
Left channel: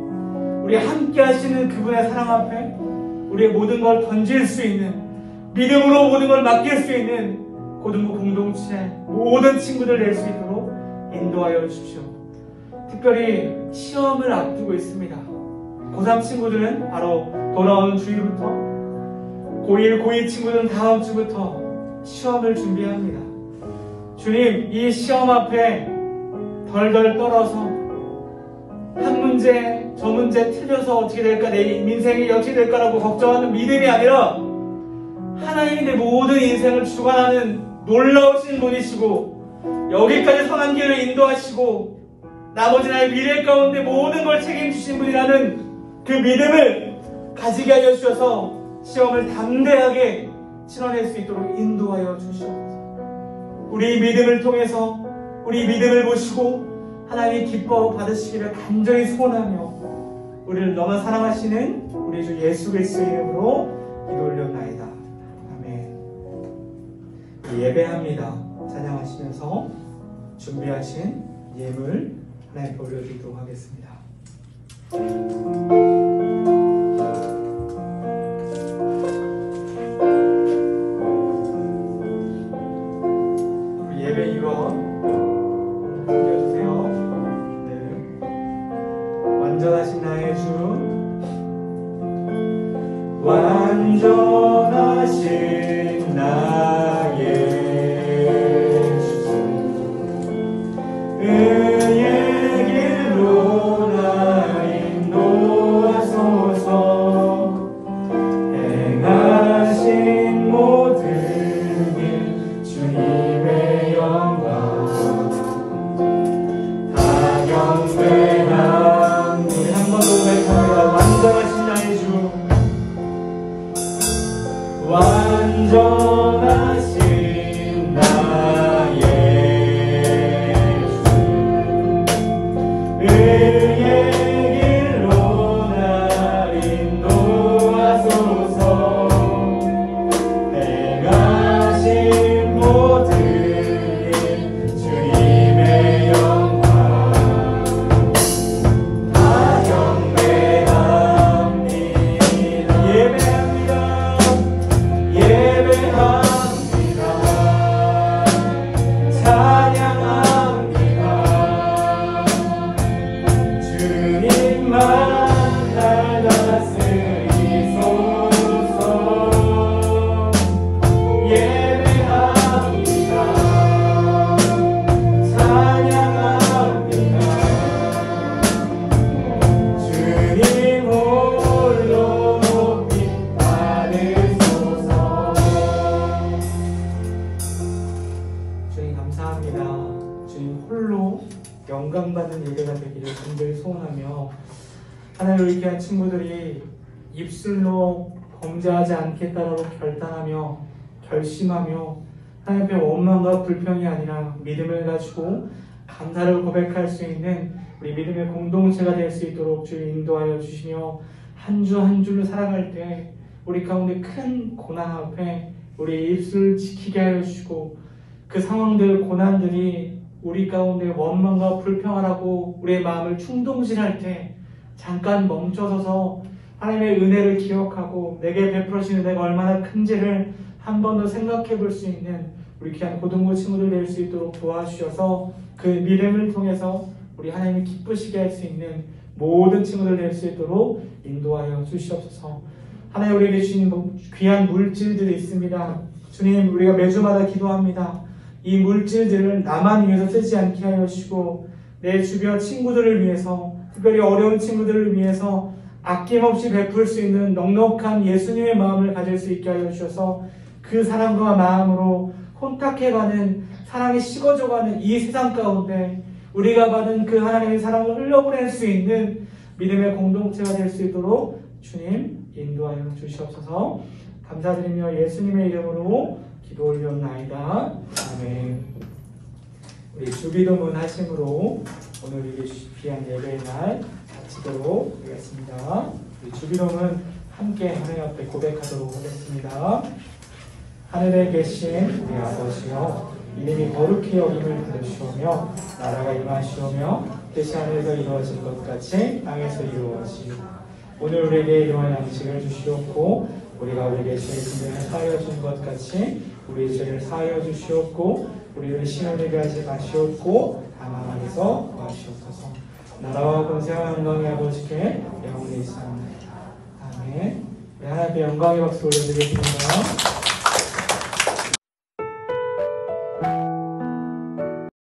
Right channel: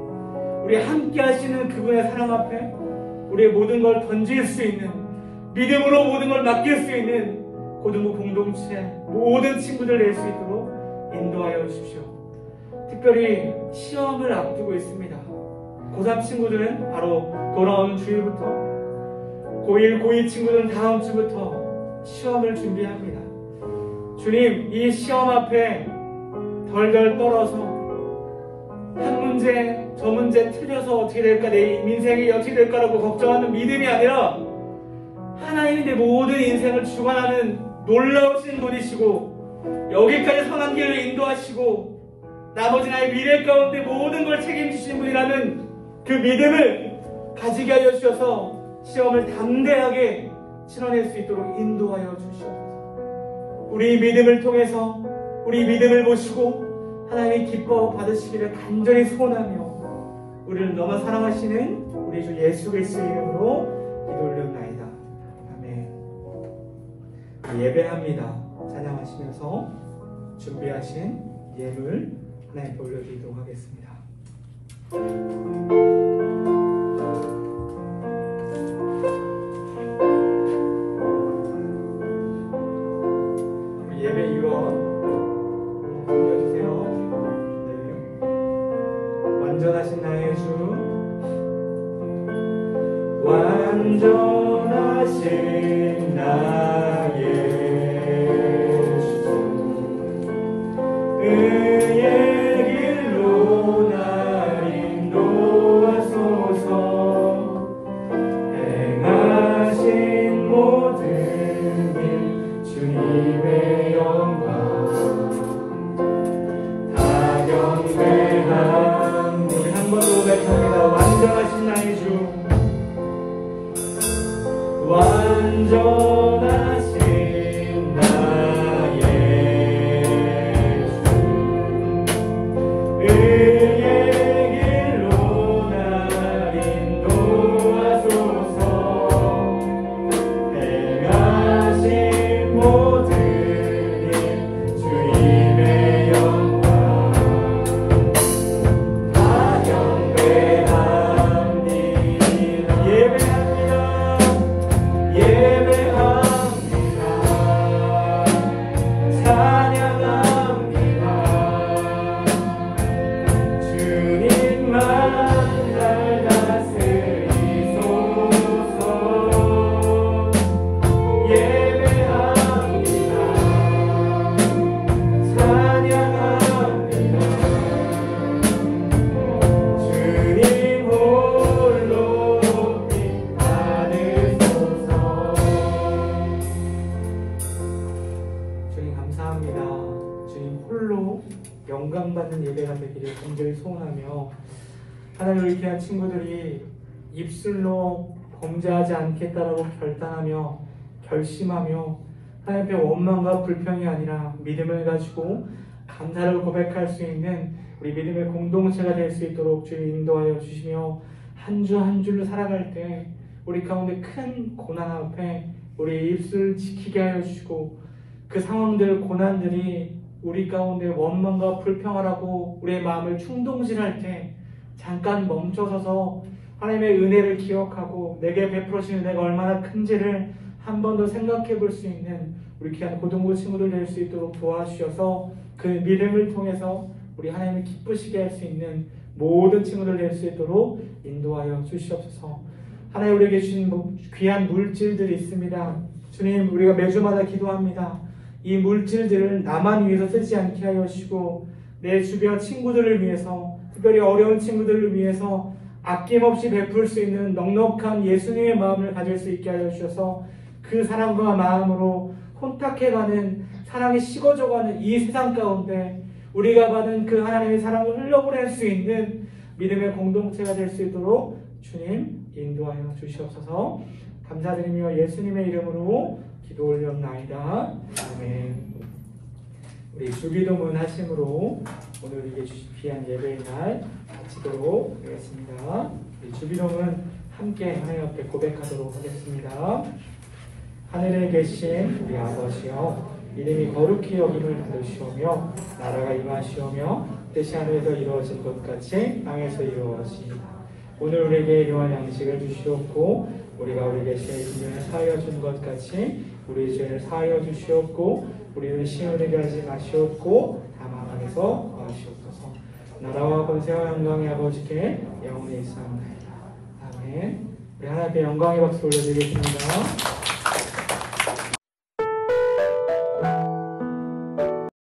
우리 함께 하시는 그분의 사랑 앞에 우리의 모든 걸 던질 수 있는, 믿음으로 모든 걸 맡길 수 있는 고등부 공동체 모든 친구들 낼 수 있도록 인도하여 주십시오. 특별히 시험을 앞두고 있습니다. 고3 친구들은 바로 돌아온 주일부터, 고1, 고2 친구들은 다음 주부터 시험을 준비합니다. 주님 이 시험 앞에 덜덜 떨어서 한 문제 저 문제 틀려서 어떻게 될까, 내 인생이 어떻게 될까라고 걱정하는 믿음이 아니라 하나님이 내 모든 인생을 주관하는 놀라우신 분이시고 여기까지 선한 길을 인도하시고 나머지 나의 미래 가운데 모든 걸 책임지신 분이라는 그 믿음을 가지게 하여 주셔서 시험을 담대하게 실현할 수 있도록 인도하여 주시옵소서. 우리 믿음을 통해서 우리 믿음을 보시고 하나님이 기뻐 받으시기를 간절히 소원하며 우리를 너무 사랑하시는 우리 주 예수 그리스도의 이름으로 기도 올렸나이다. 아멘. 예배합니다. 찬양하시면서 준비하신 예물 하나님께 올려드리도록 하겠습니다. 예배 이원 준비해주세요. 네. 완전하신 나의 주, 완전하신 나의 주, 의의 길로 나 인도하소서. 행하신 모든 일 주님의 영광 다 경배합니다. 우리 한 번 더 고백합니다. 완전하신 나의 주, 완전하신 나의 주, 의의 길로 날 인도하소서. 행하신 모든 일 주님의 영광 다 경배합니다. 예배합니다. 예배합니다. 찬양합니다. 주님만 날 다스리소서. 예배합니다. 찬양합니다. 주님 홀로 높이 받으소서. 주님 감사합니다. 주님 홀로 영광받는 예배가 되기를 간절히 소원하며 하나님 우리 귀한 친구들이 입술로 범죄하지 않겠다라고 결단하며 결심하며 하나님 앞에 원망과 불평이 아니라 믿음을 가지고 감사를 고백할 수 있는 우리 믿음의 공동체가 될 수 있도록 주님 인도하여 주시며 한 주 한 주를 살아갈 때 우리 가운데 큰 고난 앞에 우리 입술을 지키게 하여 주시고 그 상황들 고난들이 우리 가운데 원망과 불평을 하고 우리의 마음을 충동질할 때 잠깐 멈춰서서 하나님의 은혜를 기억하고 내게 베풀어주신 은혜가 얼마나 큰지를 한 번 더 생각해 볼 수 있는 우리 귀한 고등부 친구들 될 수 있도록 도와주셔서 그 믿음을 통해서 우리 하나님이 기쁘시게 할 수 있는 모든 친구들 될 수 있도록 인도하여 주시옵소서. 하나님 우리에게 주신 귀한 물질들이 있습니다. 주님 우리가 매주마다 기도합니다. 이 물질들을 나만 위해서 쓰지 않게 하여 주시고 내 주변 친구들을 위해서 특별히 어려운 친구들을 위해서 아낌없이 베풀 수 있는 넉넉한 예수님의 마음을 가질 수 있게 하여 주셔서 그 사랑과 마음으로 혼탁해가는 사랑이 식어져가는 이 세상 가운데 우리가 받은 그 하나님의 사랑을 흘려보낼 수 있는 믿음의 공동체가 될 수 있도록 주님 인도하여 주시옵소서. 감사드리며 예수님의 이름으로 기도 올렸나이다. 아멘. 우리 주기도문 하심으로 오늘 우리에게 귀한 예배의 날 마치도록 하겠습니다. 우리 주기도문 함께 하나님 앞에 고백하도록 하겠습니다. 하늘에 계신 우리 아버지여, 이름이 거룩히 여김을 받으시오며 나라가 임하시오며 뜻이 하늘에서 이루어진 것 같이 땅에서 이루어지고 오늘 우리에게 일용할 양식을 주시옵고 우리가 우리에게 죄를 사하여 준 것 같이 우리 죄를 사하여 주시옵고 우리를 시험에 하지 마시옵고 다만 악에서 구하시옵소서. 나라와 권세와 영광의 아버지께 영원히 있사옵나이다. 아멘. 우리 하나님의 영광의 박수 올려드리겠습니다.